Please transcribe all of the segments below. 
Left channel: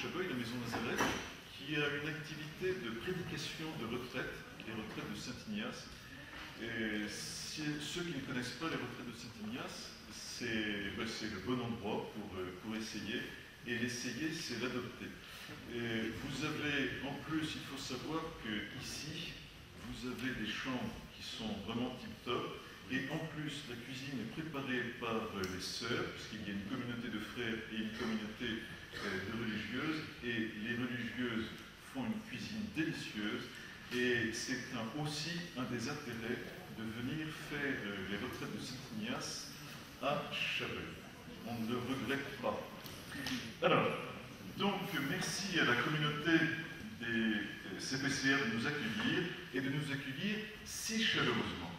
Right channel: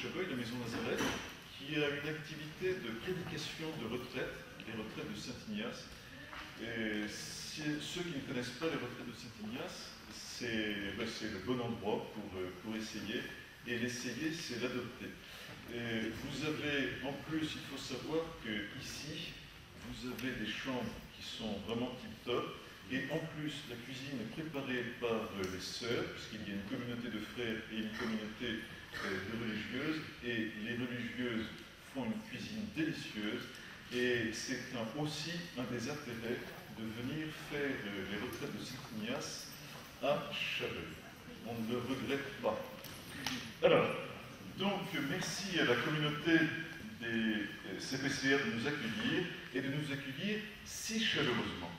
Chabreuil, la Maison Nazareth, qui a une activité de prédication de retraite, les retraites de Saint-Ignace. Et ceux qui ne connaissent pas les retraites de Saint-Ignace, c'est le bon endroit pour essayer. Et l'essayer, c'est l'adopter. Et vous avez, en plus, il faut savoir qu'ici, vous avez des chambres qui sont vraiment tip-top. Et en plus, la cuisine est préparée par les sœurs, puisqu'il y a une communauté de frères et une communauté de religieuses. Et les religieuses font une cuisine délicieuse. Et c'est aussi un des intérêts de venir faire les retraites de Saint-Ignace à Chabreuil. On ne le regrette pas. Alors, donc, merci à la communauté des CPCR de nous accueillir et de nous accueillir si chaleureusement.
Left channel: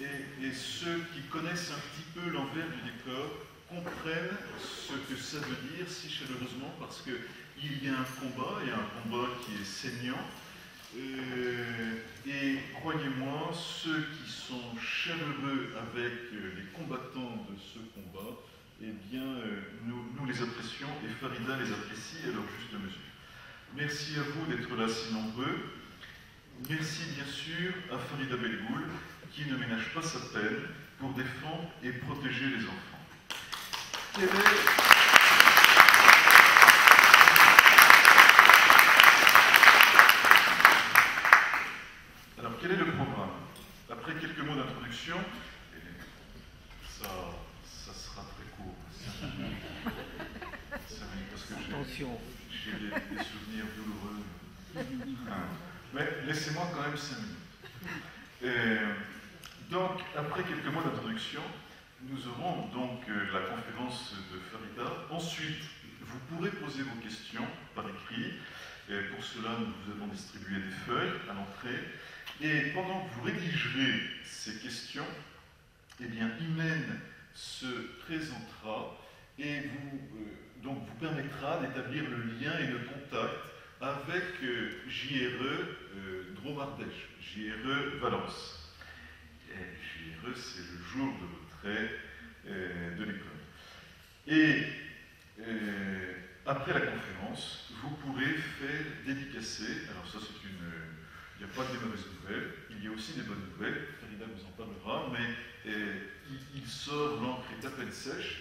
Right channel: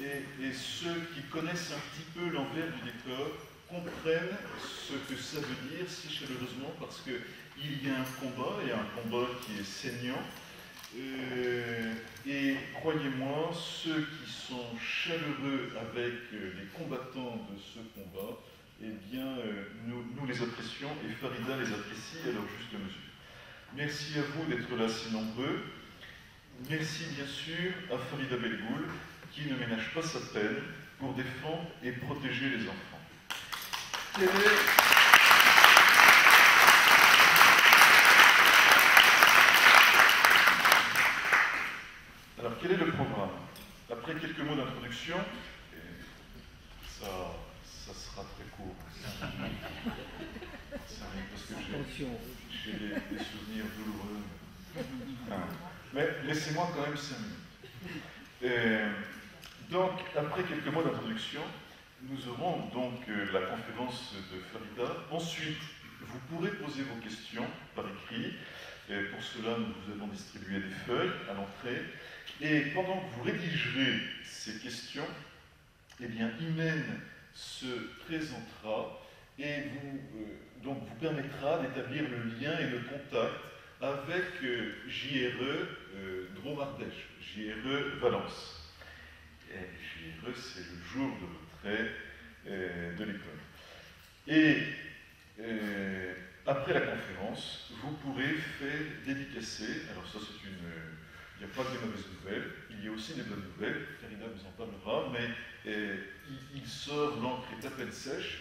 Et ceux qui connaissent un petit peu l'envers du décor comprennent ce que ça veut dire si chaleureusement, parce qu'il y a un combat qui est saignant. Et croyez-moi, ceux qui sont chaleureux avec les combattants de ce combat, eh bien, nous les apprécions et Farida les apprécie à leur juste mesure. Merci à vous d'être là si nombreux. Merci bien sûr à Farida Belgoul qui ne ménage pas sa peine pour défendre et protéger les enfants. Alors, quel est le programme? Après quelques mots d'introduction, ça sera très court. Parce que j'ai des souvenirs douloureux. Mais laissez-moi quand même 5 minutes. Donc, après quelques mots d'introduction, nous aurons donc la conférence de Farida. Ensuite, vous pourrez poser vos questions par écrit. Et pour cela, nous vous avons distribué des feuilles à l'entrée. Et pendant que vous rédigerez ces questions, eh bien, Imen se présentera et donc vous permettra d'établir le lien et le contact avec JRE Dromardèche, JRE Valence. Et JRE, c'est le jour de retrait de l'école. Et après la conférence, vous pourrez faire dédicacer, alors ça c'est il n'y a pas que des mauvaises nouvelles, il y a aussi des bonnes nouvelles, Farida vous en parlera, mais il sort, l'encre est à peine sèche,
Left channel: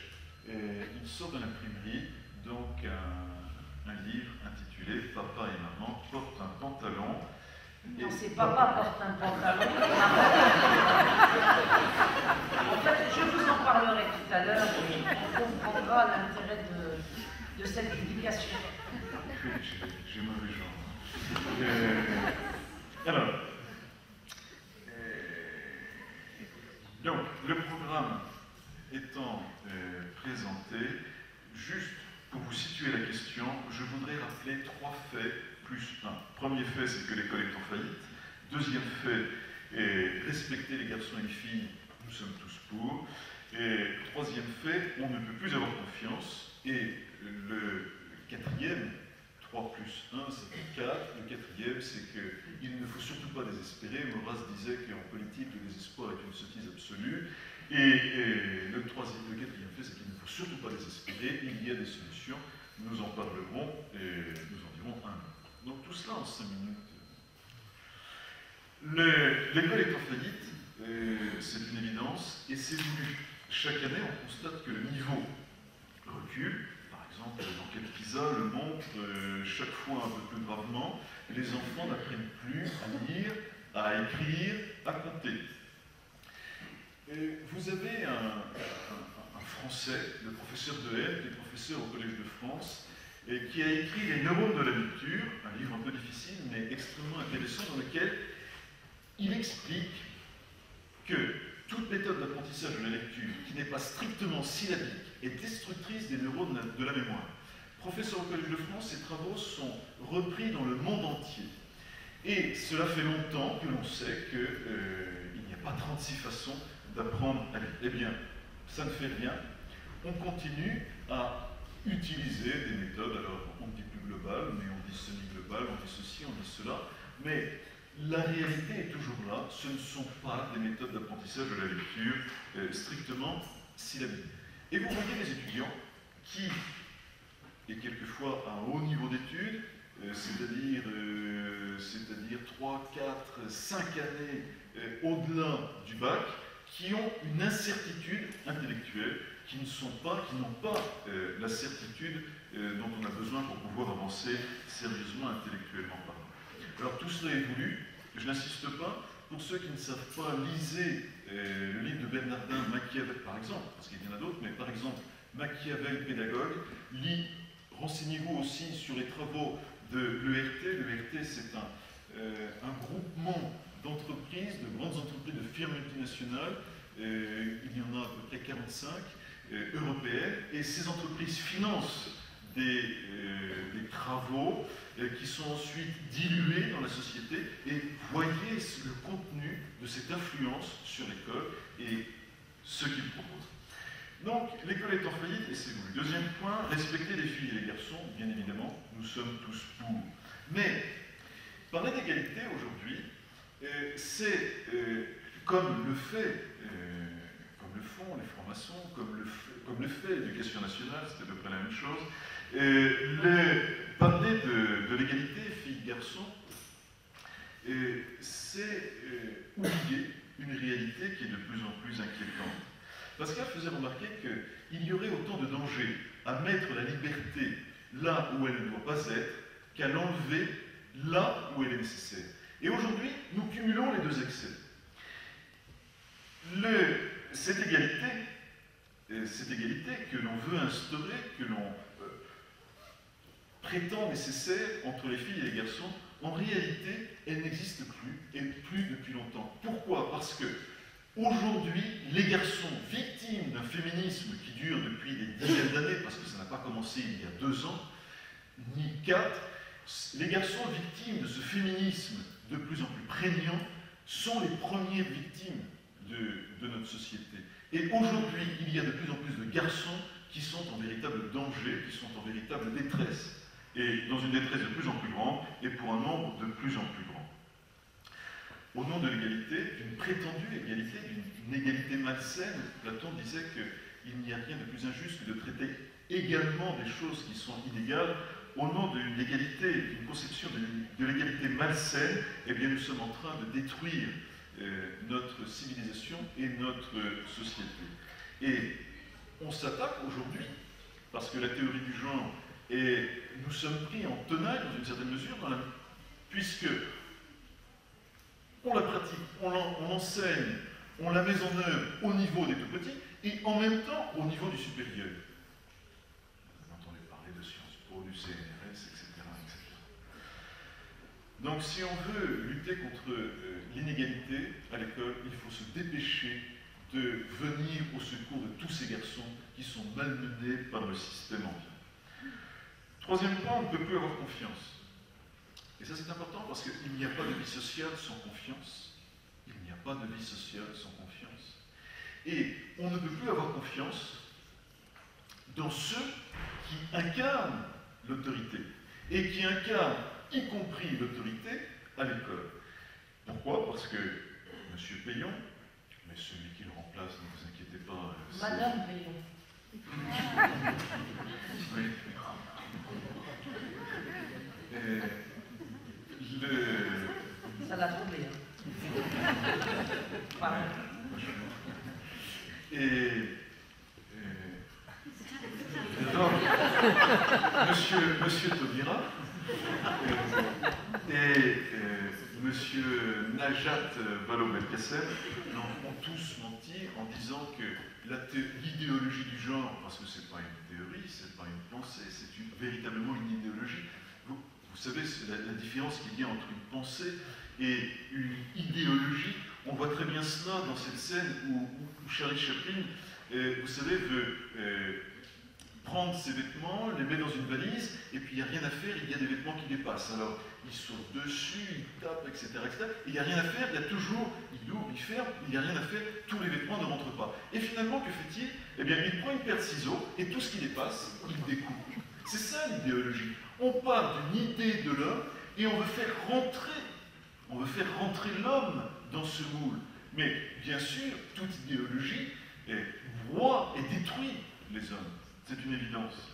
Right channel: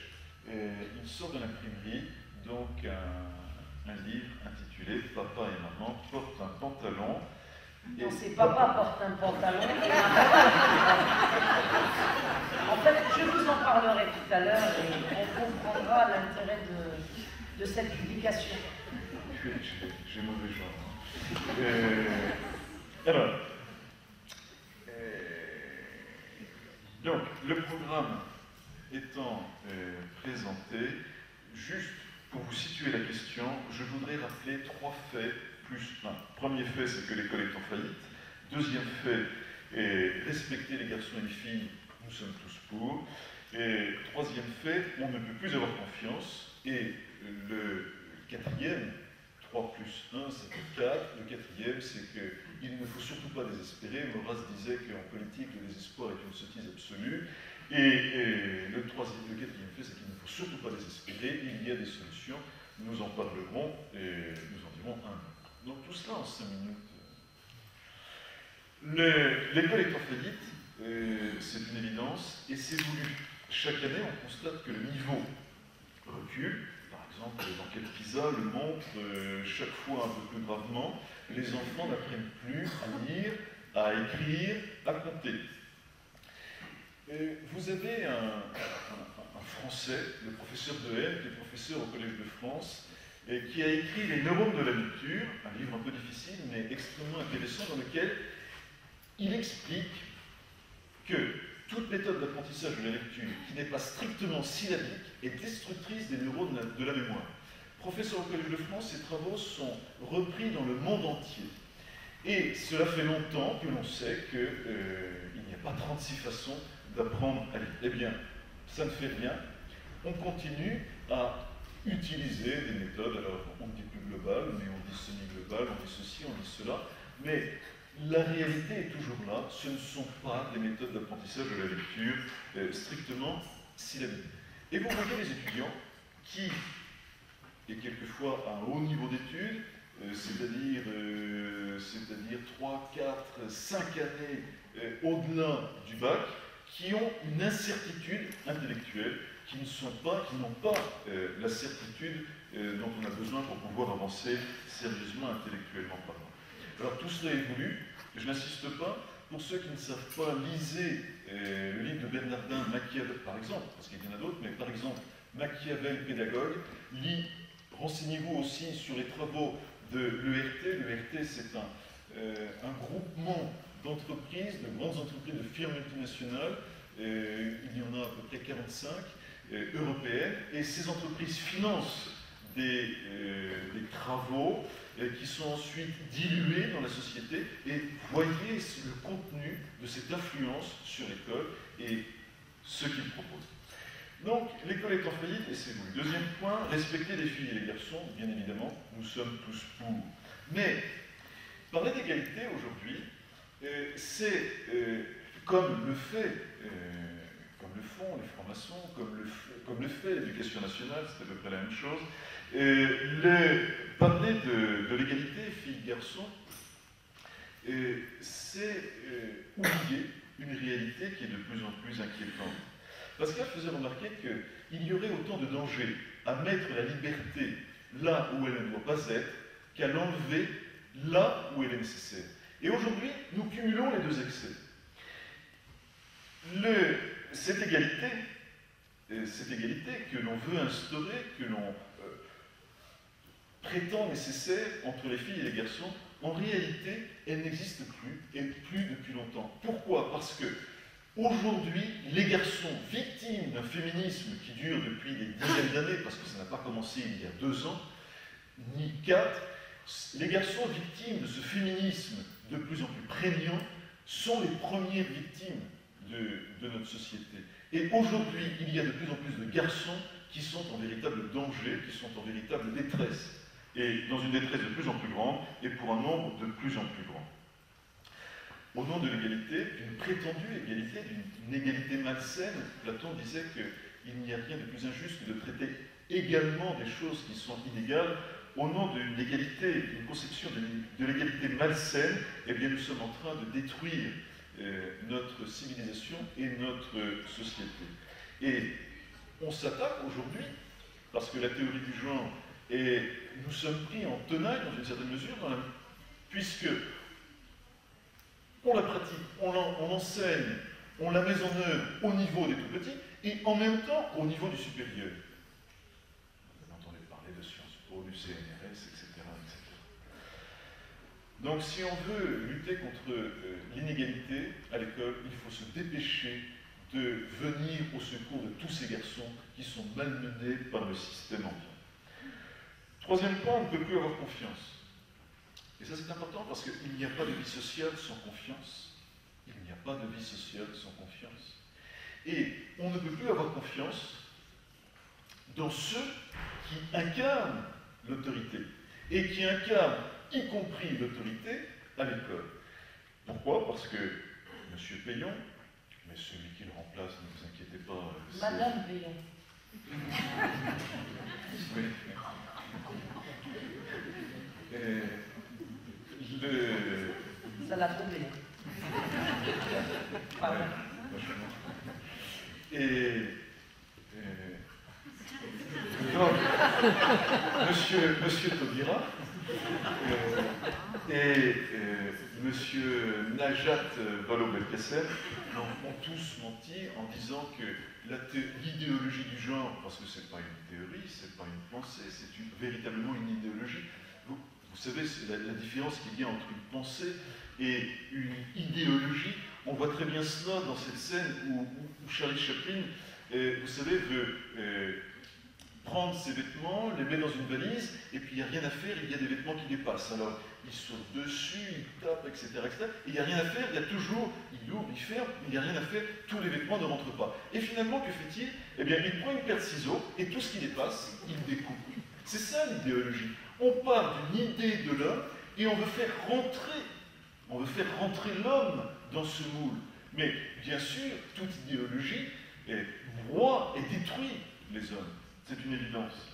il sort de l'imprimerie, donc un livre intitulé « Papa et maman portent un pantalon ». Non, c'est Papa porte un pantalon. En fait, je vous en parlerai tout à l'heure, on comprendra l'intérêt de cette publication. J'ai mauvais genre. Alors, donc, le programme étant présenté, juste pour vous situer la question, je voudrais rappeler 3 faits plus 1. Premier fait, c'est que l'école est en faillite. Deuxième fait, respecter les garçons et les filles, nous sommes tous pour. Et troisième fait, on ne peut plus avoir confiance. Et le quatrième, 3 plus 1, ça fait 4. Le quatrième, c'est qu'il ne faut surtout pas désespérer. Maurras disait qu'en politique, le désespoir est une sottise absolue. Et le quatrième fait, c'est qu'il ne faut surtout pas désespérer. Il y a des solutions. Nous en parlerons et nous en dirons un. Donc tout cela en 5 minutes. L'école est en faillite, c'est une évidence, et c'est voulu. Chaque année, on constate que le niveau recule. Par exemple, l'enquête PISA le montre chaque fois un peu plus gravement. Les enfants n'apprennent plus à lire, à écrire, à compter. Vous avez un Français, le professeur Dehaene, qui est professeur au Collège de France, et qui a écrit Les neurones de la lecture, un livre un peu difficile, mais extrêmement intéressant, dans lequel il explique que toute méthode d'apprentissage de la lecture qui n'est pas strictement syllabique est destructrice des neurones de la mémoire. Professeur au Collège de France, ses travaux sont repris dans le monde entier. Et cela fait longtemps que l'on sait qu'il n'y a pas 36 façons d'apprendre à lire. Eh bien, ça ne fait rien. On continue à utiliser des méthodes, alors on dit plus global, mais on dit semi-global, on dit ceci, on dit cela, mais la réalité est toujours là, ce ne sont pas des méthodes d'apprentissage de la lecture strictement syllabiques. Et vous voyez les étudiants qui, et quelquefois à un haut niveau d'études, c'est-à-dire 3, 4, 5 années au-delà du bac, qui ont une incertitude intellectuelle, qui n'ont pas la certitude dont on a besoin pour pouvoir avancer sérieusement intellectuellement parlant. Alors tout cela évolue, je n'insiste pas, pour ceux qui ne savent pas, lisez le livre de Bernardin Machiavel, par exemple, parce qu'il y en a d'autres, mais par exemple, Machiavel pédagogue, renseignez-vous aussi sur les travaux de l'ERT. L'ERT, c'est un groupement d'entreprises, de grandes entreprises, de firmes multinationales, il y en a à peu près 45 européennes, et ces entreprises financent des travaux qui sont ensuite dilués dans la société, et voyez le contenu de cette influence sur l'école et ce qu'ils proposent. Donc, l'école est en faillite, et c'est vous. Deuxième point, respecter les filles et les garçons, bien évidemment, nous sommes tous pour. Mais, parler d'égalité aujourd'hui, c'est comme le font les francs-maçons, comme le fait l'éducation nationale, c'est à peu près la même chose. Parler de l'égalité filles-garçons, c'est oublier une réalité qui est de plus en plus inquiétante. Pascal faisait remarquer qu'il y aurait autant de dangers à mettre la liberté là où elle ne doit pas être qu'à l'enlever là où elle est nécessaire. Et aujourd'hui, nous cumulons les deux excès. Cette égalité que l'on veut instaurer, que l'on prétend nécessaire entre les filles et les garçons, en réalité, elle n'existe plus, et plus depuis longtemps. Pourquoi? Parce que aujourd'hui, les garçons victimes d'un féminisme qui dure depuis des dizaines d'années, parce que ça n'a pas commencé il y a 2 ans, ni 4, les garçons victimes de ce féminisme de plus en plus prégnant sont les premières victimes de notre société. Et aujourd'hui, il y a de plus en plus de garçons qui sont en véritable danger, qui sont en véritable détresse, et dans une détresse de plus en plus grande, et pour un nombre de plus en plus grand. Au nom de l'égalité, d'une prétendue égalité, d'une égalité malsaine, Platon disait qu'il n'y a rien de plus injuste que de traiter également des choses qui sont inégales. Au nom d'une égalité, d'une conception de l'égalité malsaine, eh bien nous sommes en train de détruire notre civilisation et notre société. Et on s'attaque aujourd'hui, parce que la théorie du genre, nous sommes pris en tenaille dans une certaine mesure, puisque on la pratique, on l'enseigne, on la met en œuvre au niveau des tout-petits, et en même temps au niveau du supérieur. Vous entendez parler de Sciences Po, du CNRS, etc., etc. Donc si on veut lutter contre l'inégalité à l'école, il faut se dépêcher de venir au secours de tous ces garçons qui sont malmenés par le système ambiant. Troisième point, on ne peut plus avoir confiance. Et ça c'est important parce qu'il n'y a pas de vie sociale sans confiance. Il n'y a pas de vie sociale sans confiance. Et on ne peut plus avoir confiance dans ceux qui incarnent l'autorité et qui incarnent y compris l'autorité à l'école. Pourquoi? Parce que M. Payon, mais celui qui le remplace, ne vous inquiétez pas. Madame Payon. Oui. Ça l'a trouvé. Pardon. Et donc, Monsieur Taubira et Monsieur Najat Vallaud-Belkacem ont tous menti en disant que l'idéologie du genre, parce que ce n'est pas une théorie, ce n'est pas une pensée, c'est véritablement une idéologie. Vous savez, c'est la différence qu'il y a entre une pensée et une idéologie. On voit très bien cela dans cette scène où Charlie Chaplin, vous savez, veut prendre ses vêtements, les met dans une valise, et puis il n'y a rien à faire, il y a des vêtements qui dépassent. Alors, il saute dessus, il tape, etc., etc. Et il n'y a rien à faire, il y a toujours, il ouvre, il ferme, il n'y a rien à faire, tous les vêtements ne rentrent pas. Et finalement, que fait-il? Eh bien, il prend une paire de ciseaux, et tout ce qui dépasse, il découpe. C'est ça l'idéologie. On part d'une idée de l'homme, et on veut faire rentrer On veut faire rentrer l'homme dans ce moule. Mais bien sûr, toute idéologie broie et détruit les hommes. C'est une évidence.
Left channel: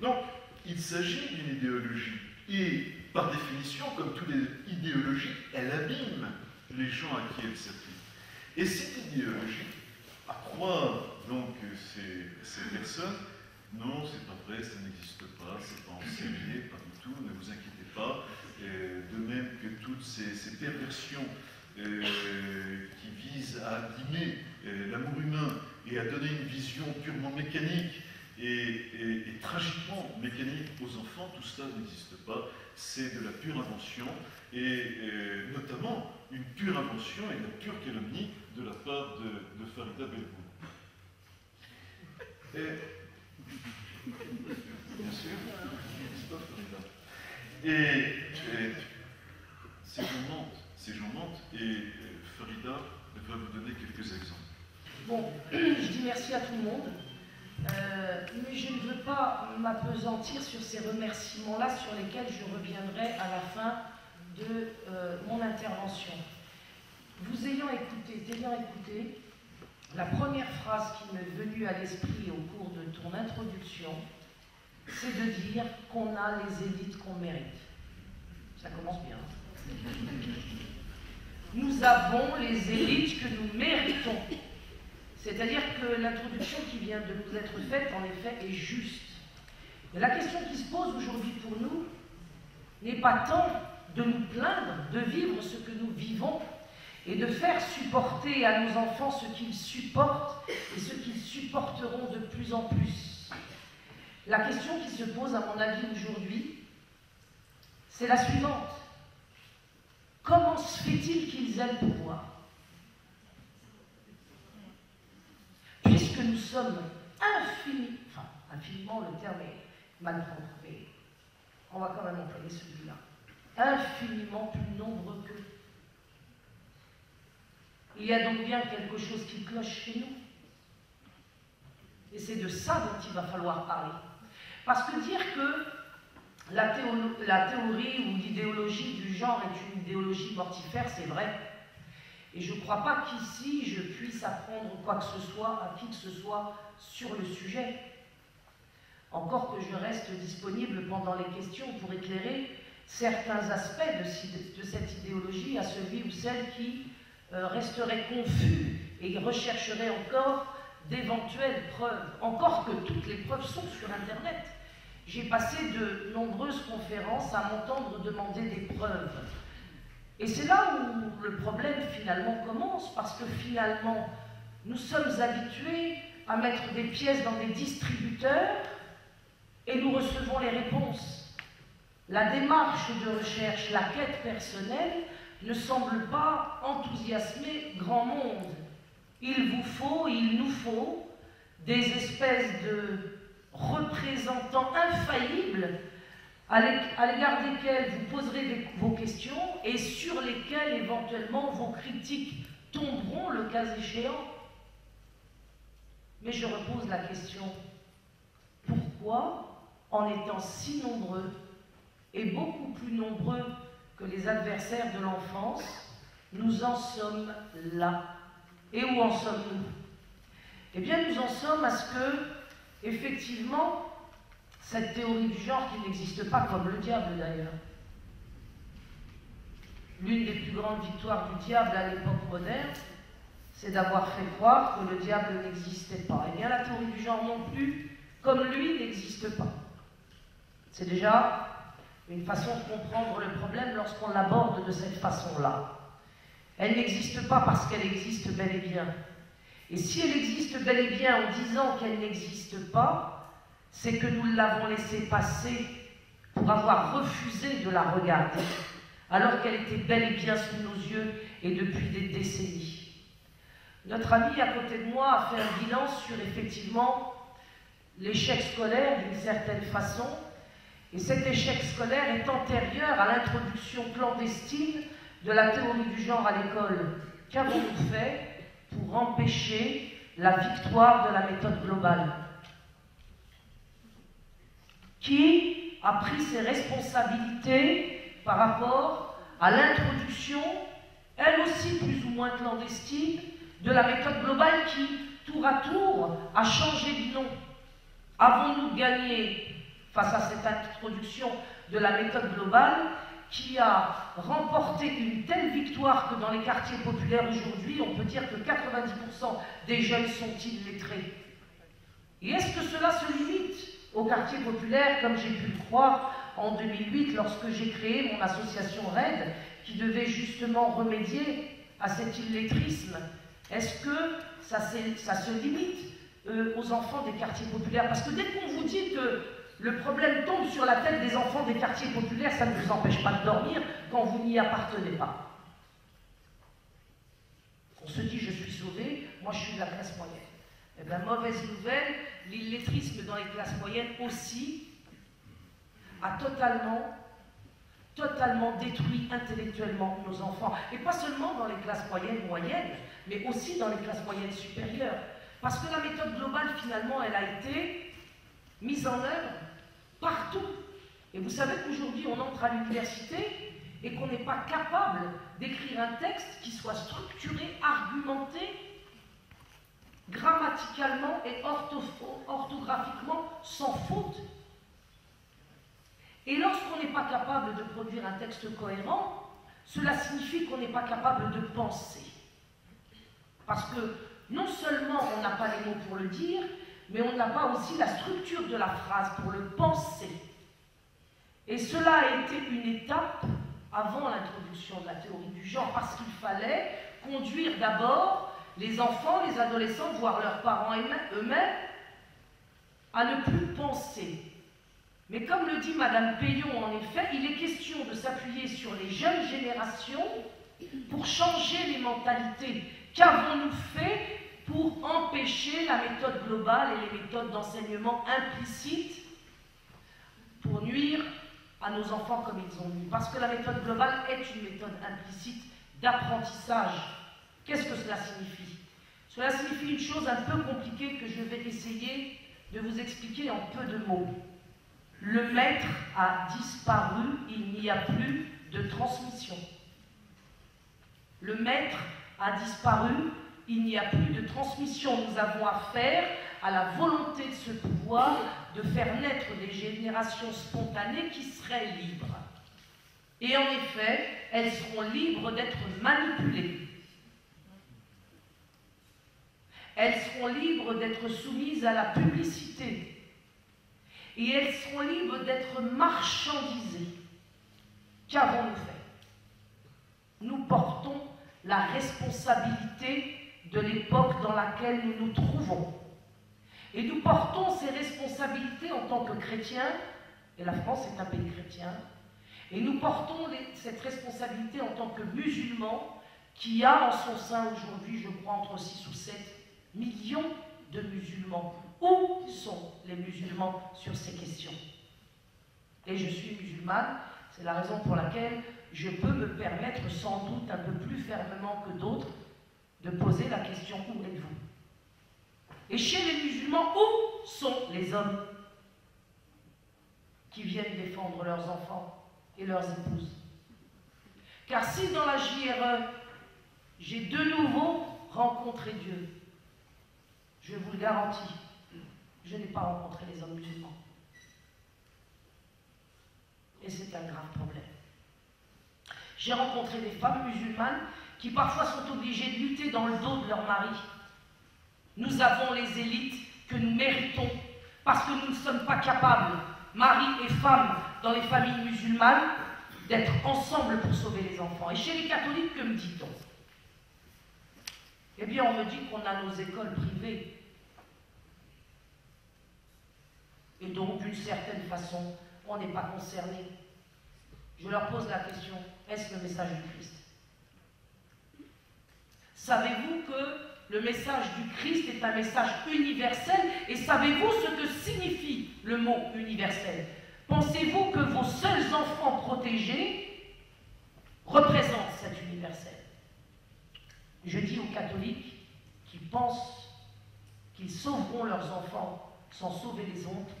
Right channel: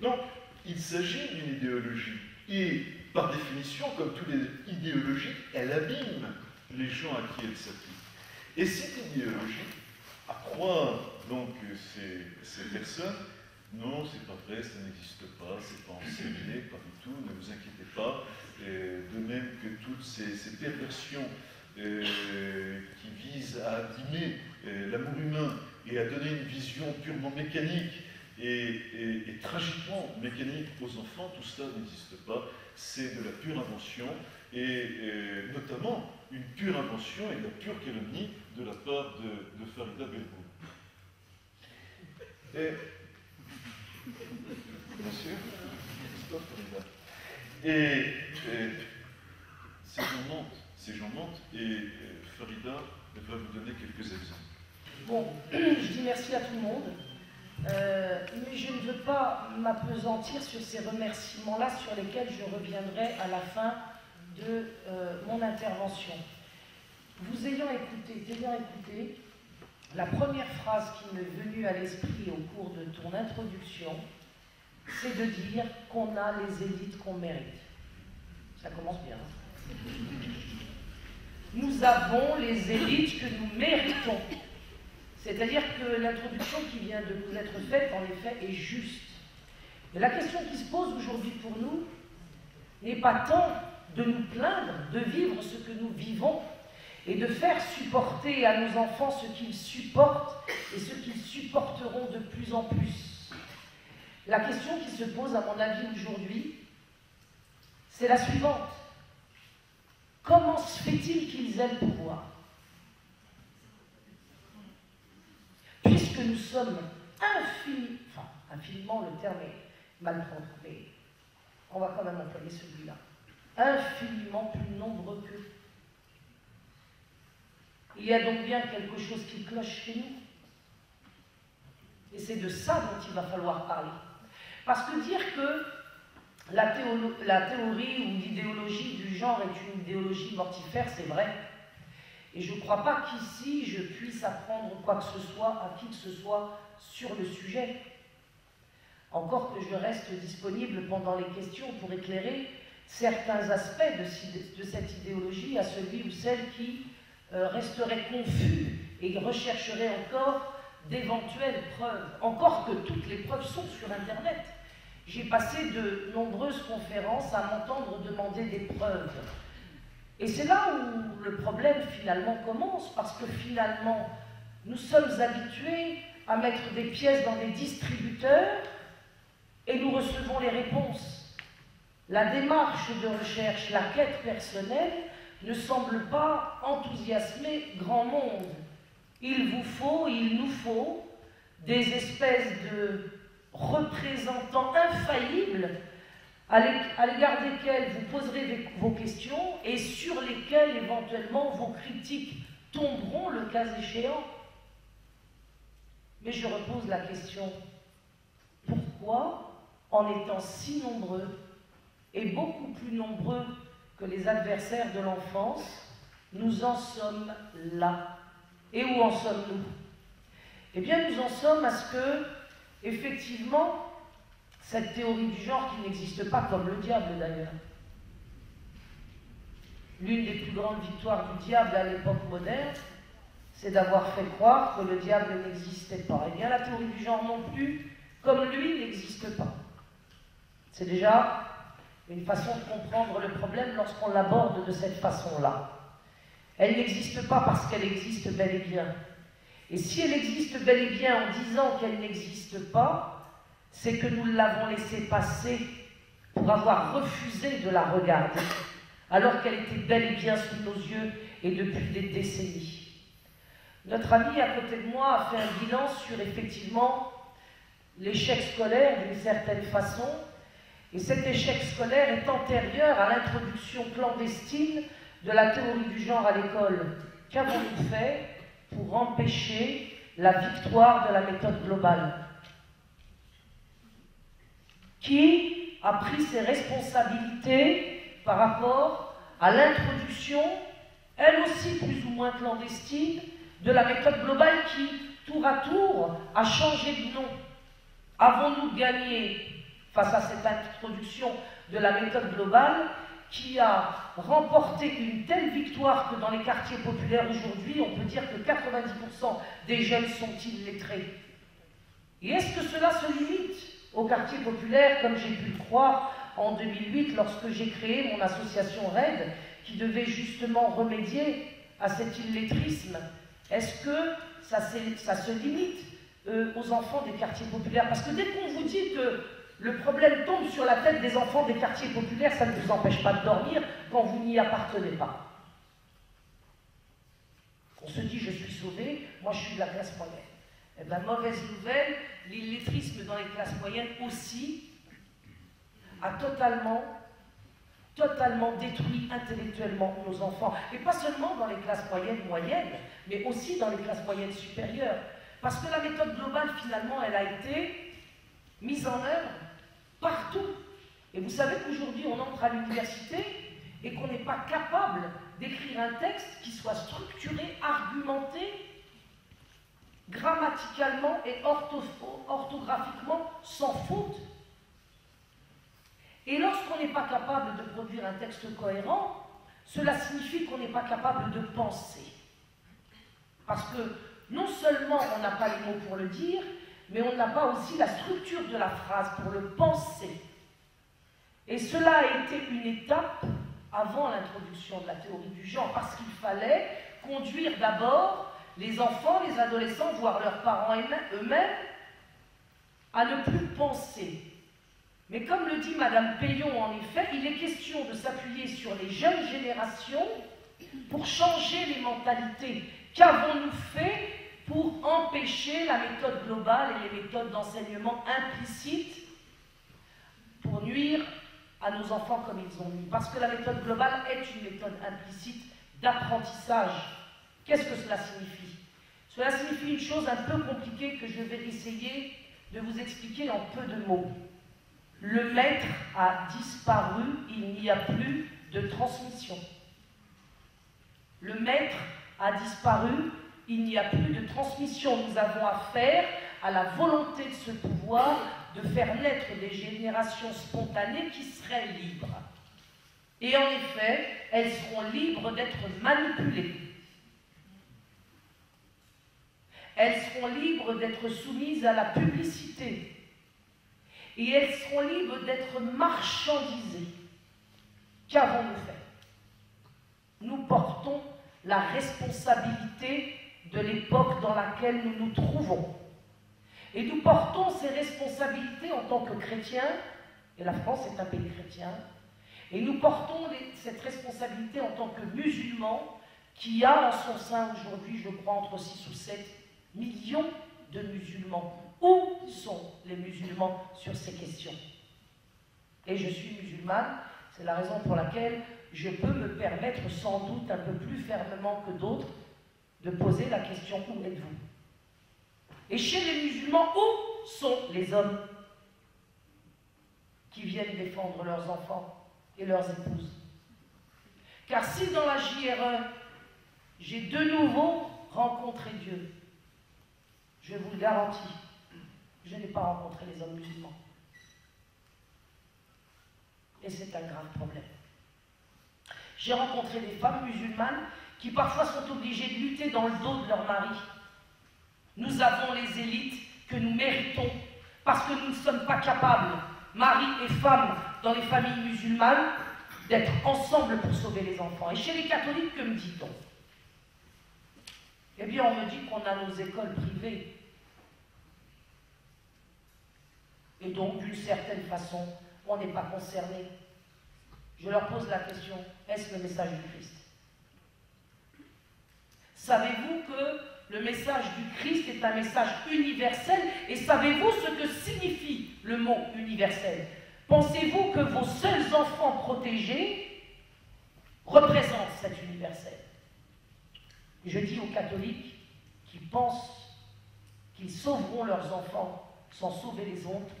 Donc, il s'agit d'une idéologie. Et par définition, comme toutes les idéologies, elle abîme les gens à qui elle s'applique. Et cette idéologie, à croire donc ces personnes, non, c'est pas vrai, ça n'existe pas, c'est pas enseigné, pas du tout, ne vous inquiétez pas. De même que toutes ces perversions qui visent à abîmer l'amour humain et à donner une vision purement mécanique et tragiquement mécanique aux enfants, tout cela n'existe pas. C'est de la pure invention et notamment une pure invention et de la pure calomnie de la part de Farida Belbou. Bien sûr, n'est-ce pas, Farida? Et ces gens mentent, et Farida va vous donner quelques exemples. Bon, je dis merci à tout le monde, mais je ne veux pas m'appesantir sur ces remerciements-là sur lesquels je reviendrai à la fin de mon intervention. Vous ayant écouté, la première phrase qui m'est venue à l'esprit au cours de ton introduction, c'est de dire qu'on a les élites qu'on mérite. Ça commence bien. Nous avons les élites que nous méritons. C'est-à-dire que l'introduction qui vient de nous être faite, en effet, est juste. Mais la question qui se pose aujourd'hui pour nous n'est pas tant de nous plaindre, de vivre ce que nous vivons, et de faire supporter à nos enfants ce qu'ils supportent et ce qu'ils supporteront de plus en plus. La question qui se pose, à mon avis, aujourd'hui, c'est la suivante. Comment se fait-il qu'ils aient le pouvoir? Puisque nous sommes infiniment, le terme est mal trompé, on va quand même employer celui-là, infiniment plus nombreux qu'eux. Il y a donc bien quelque chose qui cloche chez nous. Et c'est de ça dont il va falloir parler. Parce que dire que la théorie ou l'idéologie du genre est une idéologie mortifère, c'est vrai. Et je ne crois pas qu'ici je puisse apprendre quoi que ce soit à qui que ce soit sur le sujet. Encore que je reste disponible pendant les questions pour éclairer certains aspects de cette idéologie à celui ou celle qui resterait confus et rechercherait encore d'éventuelles preuves. Encore que toutes les preuves sont sur Internet. J'ai passé de nombreuses conférences à m'entendre demander des preuves. Et c'est là où le problème finalement commence, parce que finalement, nous sommes habitués à mettre des pièces dans des distributeurs et nous recevons les réponses. La démarche de recherche, la quête personnelle, ne semble pas enthousiasmer grand monde. Il nous faut des espèces de représentants infaillibles à l'égard desquels vous poserez vos questions et sur lesquels éventuellement vos critiques tomberont le cas échéant. Mais je repose la question, pourquoi, en étant si nombreux et beaucoup plus nombreux que les adversaires de l'enfance, nous en sommes là? Et où en sommes-nous? Eh bien, nous en sommes à ce que, effectivement, cette théorie du genre qui n'existe pas, comme le diable d'ailleurs. L'une des plus grandes victoires du diable à l'époque moderne, c'est d'avoir fait croire que le diable n'existait pas. Eh bien, la théorie du genre non plus, comme lui, n'existe pas. C'est déjà une façon de comprendre le problème lorsqu'on l'aborde de cette façon-là. Elle n'existe pas parce qu'elle existe bel et bien. Et si elle existe bel et bien en disant qu'elle n'existe pas, c'est que nous l'avons laissée passer pour avoir refusé de la regarder, alors qu'elle était bel et bien sous nos yeux et depuis des décennies. Notre ami à côté de moi a fait un bilan sur effectivement l'échec scolaire d'une certaine façon, et cet échec scolaire est antérieur à l'introduction clandestine de la théorie du genre à l'école. Qu'avons-nous fait pour empêcher la victoire de la méthode globale? Qui a pris ses responsabilités par rapport à l'introduction, elle aussi plus ou moins clandestine, de la méthode globale qui, tour à tour, a changé de nom. Avons-nous gagné, face à cette introduction de la méthode globale, qui a remporté une telle victoire que dans les quartiers populaires aujourd'hui, on peut dire que 90% des jeunes sont illettrés. Et est-ce que cela se limite aux quartiers populaires, comme j'ai pu le croire en 2008, lorsque j'ai créé mon association RAID, qui devait justement remédier à cet illettrisme? Est-ce que ça se limite aux enfants des quartiers populaires? Parce que dès qu'on vous dit que le problème tombe sur la tête des enfants des quartiers populaires, ça ne vous empêche pas de dormir quand vous n'y appartenez pas. On se dit, je suis sauvé, moi je suis de la classe moyenne. Eh bien, mauvaise nouvelle, l'illettrisme dans les classes moyennes aussi a totalement détruit intellectuellement nos enfants. Et pas seulement dans les classes moyennes, mais aussi dans les classes moyennes supérieures. Parce que la méthode globale, finalement, elle a été mise en œuvre partout. Et vous savez qu'aujourd'hui, on entre à l'université et qu'on n'est pas capable d'écrire un texte qui soit structuré, argumenté, grammaticalement et orthographiquement sans faute. Et lorsqu'on n'est pas capable de produire un texte cohérent, cela signifie qu'on n'est pas capable de penser. Parce que non seulement on n'a pas les mots pour le dire, mais on n'a pas aussi la structure de la phrase pour le penser. Et cela a été une étape avant l'introduction de la théorie du genre, parce qu'il fallait conduire d'abord les enfants, les adolescents, voire leurs parents eux-mêmes, à ne plus penser. Mais comme le dit Madame Payon, en effet, il est question de s'appuyer sur les jeunes générations pour changer les mentalités. Qu'avons-nous fait pour empêcher la méthode globale et les méthodes d'enseignement implicites pour nuire à nos enfants comme ils ont nui? Parce que la méthode globale est une méthode implicite d'apprentissage. Qu'est-ce que cela signifie? Cela signifie une chose un peu compliquée que je vais essayer de vous expliquer en peu de mots. Le maître a disparu, il n'y a plus de transmission. Le maître a disparu, il n'y a plus de transmission. Nous avons affaire à la volonté de ce pouvoir de faire naître des générations spontanées qui seraient libres. Et en effet, elles seront libres d'être manipulées. Elles seront libres d'être soumises à la publicité. Et elles seront libres d'être marchandisées. Qu'avons-nous fait? Nous portons la responsabilité de l'époque dans laquelle nous nous trouvons. Et nous portons ces responsabilités en tant que chrétiens, et la France est un pays chrétien, et nous portons cette responsabilité en tant que musulmans, qui a en son sein aujourd'hui, je crois, entre 6 ou 7 millions de musulmans. Où sont les musulmans sur ces questions? Et je suis musulmane, c'est la raison pour laquelle je peux me permettre sans doute un peu plus fermement que d'autres de poser la question: où êtes-vous? Et chez les musulmans, où sont les hommes qui viennent défendre leurs enfants et leurs épouses? Car si dans la JRE, j'ai de nouveau rencontré Dieu, je vous le garantis, je n'ai pas rencontré les hommes musulmans. Et c'est un grave problème. J'ai rencontré des femmes musulmanes qui parfois sont obligées de lutter dans le dos de leur mari. Nous avons les élites que nous méritons parce que nous ne sommes pas capables, mari et femme, dans les familles musulmanes, d'être ensemble pour sauver les enfants. Et chez les catholiques, que me dit-on? Eh bien, on me dit qu'on a nos écoles privées. Et donc, d'une certaine façon, on n'est pas concerné. Je leur pose la question: est-ce le message du Christ? Savez-vous que le message du Christ est un message universel? Et savez-vous ce que signifie le mot universel? Pensez-vous que vos seuls enfants protégés représentent cet universel? Je dis aux catholiques qui pensent qu'ils sauveront leurs enfants sans sauver les autres,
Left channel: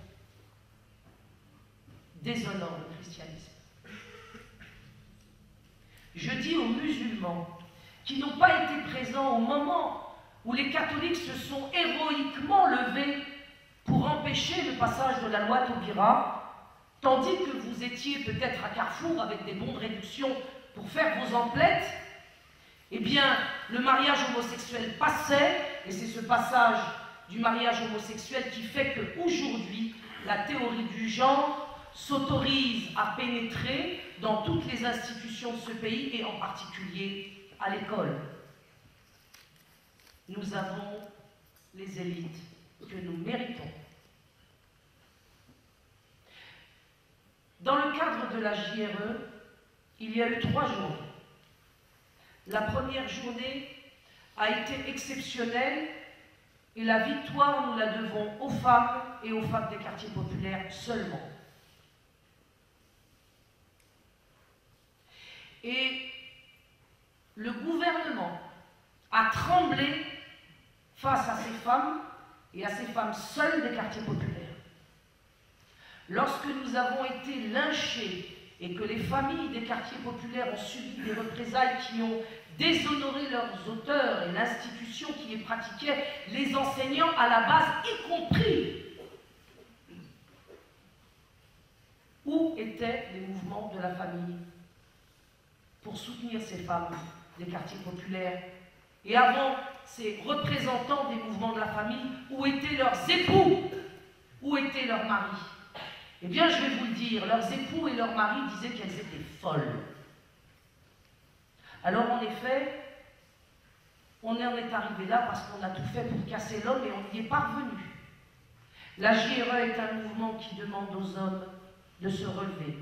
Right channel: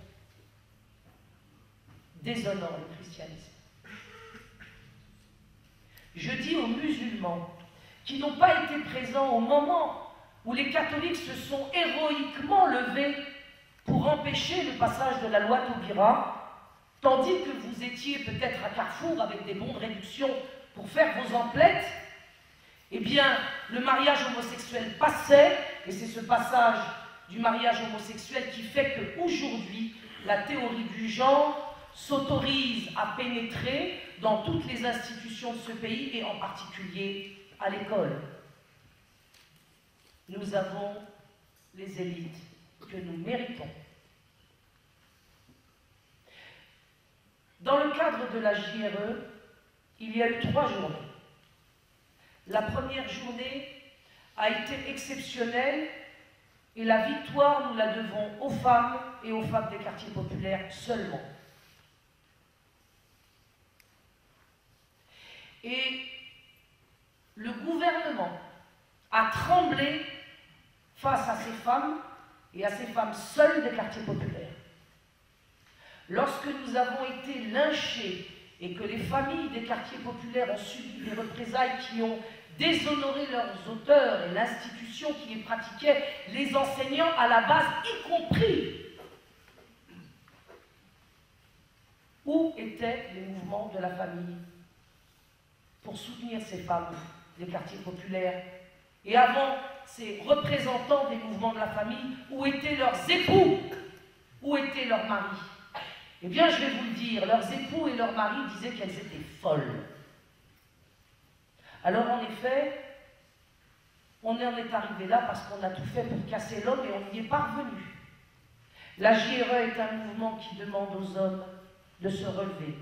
déshonorent le christianisme. je dis aux musulmans qui n'ont pas été présents au moment où les catholiques se sont héroïquement levés pour empêcher le passage de la loi Taubira, tandis que vous étiez peut-être à Carrefour avec des bons de réduction pour faire vos emplettes, eh bien, le mariage homosexuel passait, et c'est ce passage du mariage homosexuel qui fait qu'aujourd'hui, la théorie du genre s'autorise à pénétrer dans toutes les institutions de ce pays, et en particulier à l'école. Nous avons les élites que nous méritons. Dans le cadre de la JRE, il y a eu 3 journées. La première journée a été exceptionnelle et la victoire, nous la devons aux femmes et aux femmes des quartiers populaires seulement. Et le gouvernement a tremblé face à ces femmes et à ces femmes seules des quartiers populaires. Lorsque nous avons été lynchés et que les familles des quartiers populaires ont subi des représailles qui ont déshonoré leurs auteurs et l'institution qui les pratiquait, les enseignants à la base y compris, où étaient les mouvements de la famille pour soutenir ces femmes des quartiers populaires? Et avant ces représentants des mouvements de la famille, où étaient leurs époux? Où étaient leurs maris? Eh bien, je vais vous le dire, leurs époux et leurs maris disaient qu'elles étaient folles. Alors, en effet, on en est arrivé là parce qu'on a tout fait pour casser l'homme et on n'y est pas revenu. La JRE est un mouvement qui demande aux hommes de se relever.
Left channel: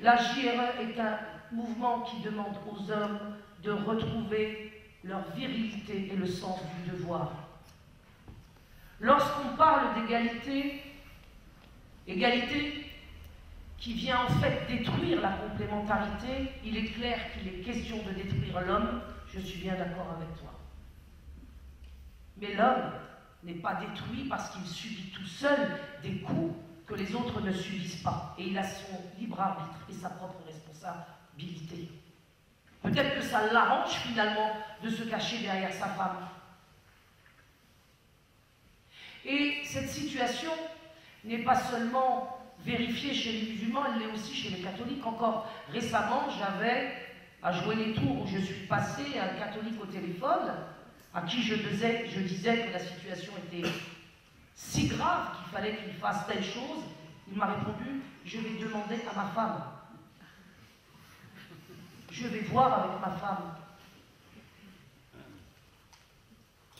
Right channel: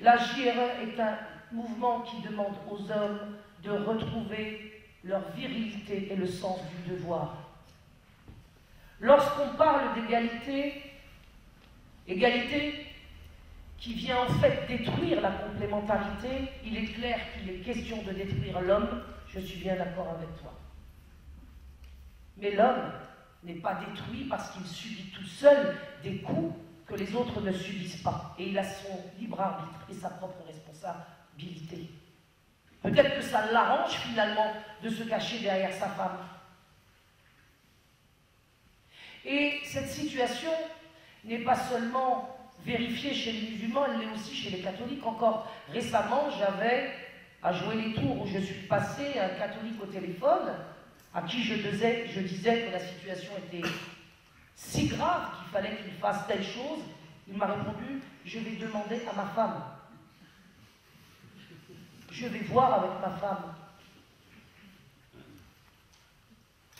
La JRE est un mouvement qui demande aux hommes de retrouver leur virilité et le sens du devoir. Lorsqu'on parle d'égalité, égalité qui vient en fait détruire la complémentarité, il est clair qu'il est question de détruire l'homme, je suis bien d'accord avec toi. Mais l'homme n'est pas détruit parce qu'il subit tout seul des coups que les autres ne subissent pas. Et il a son libre arbitre et sa propre responsabilité. Peut-être que ça l'arrange finalement de se cacher derrière sa femme. Et cette situation n'est pas seulement vérifiée chez les musulmans, elle l'est aussi chez les catholiques. Encore récemment, j'avais à jouer les tours où je suis passé un catholique au téléphone à qui je disais que la situation était si grave qu'il fallait qu'il fasse telle chose. Il m'a répondu: je vais demander à ma femme. Je vais voir avec ma femme.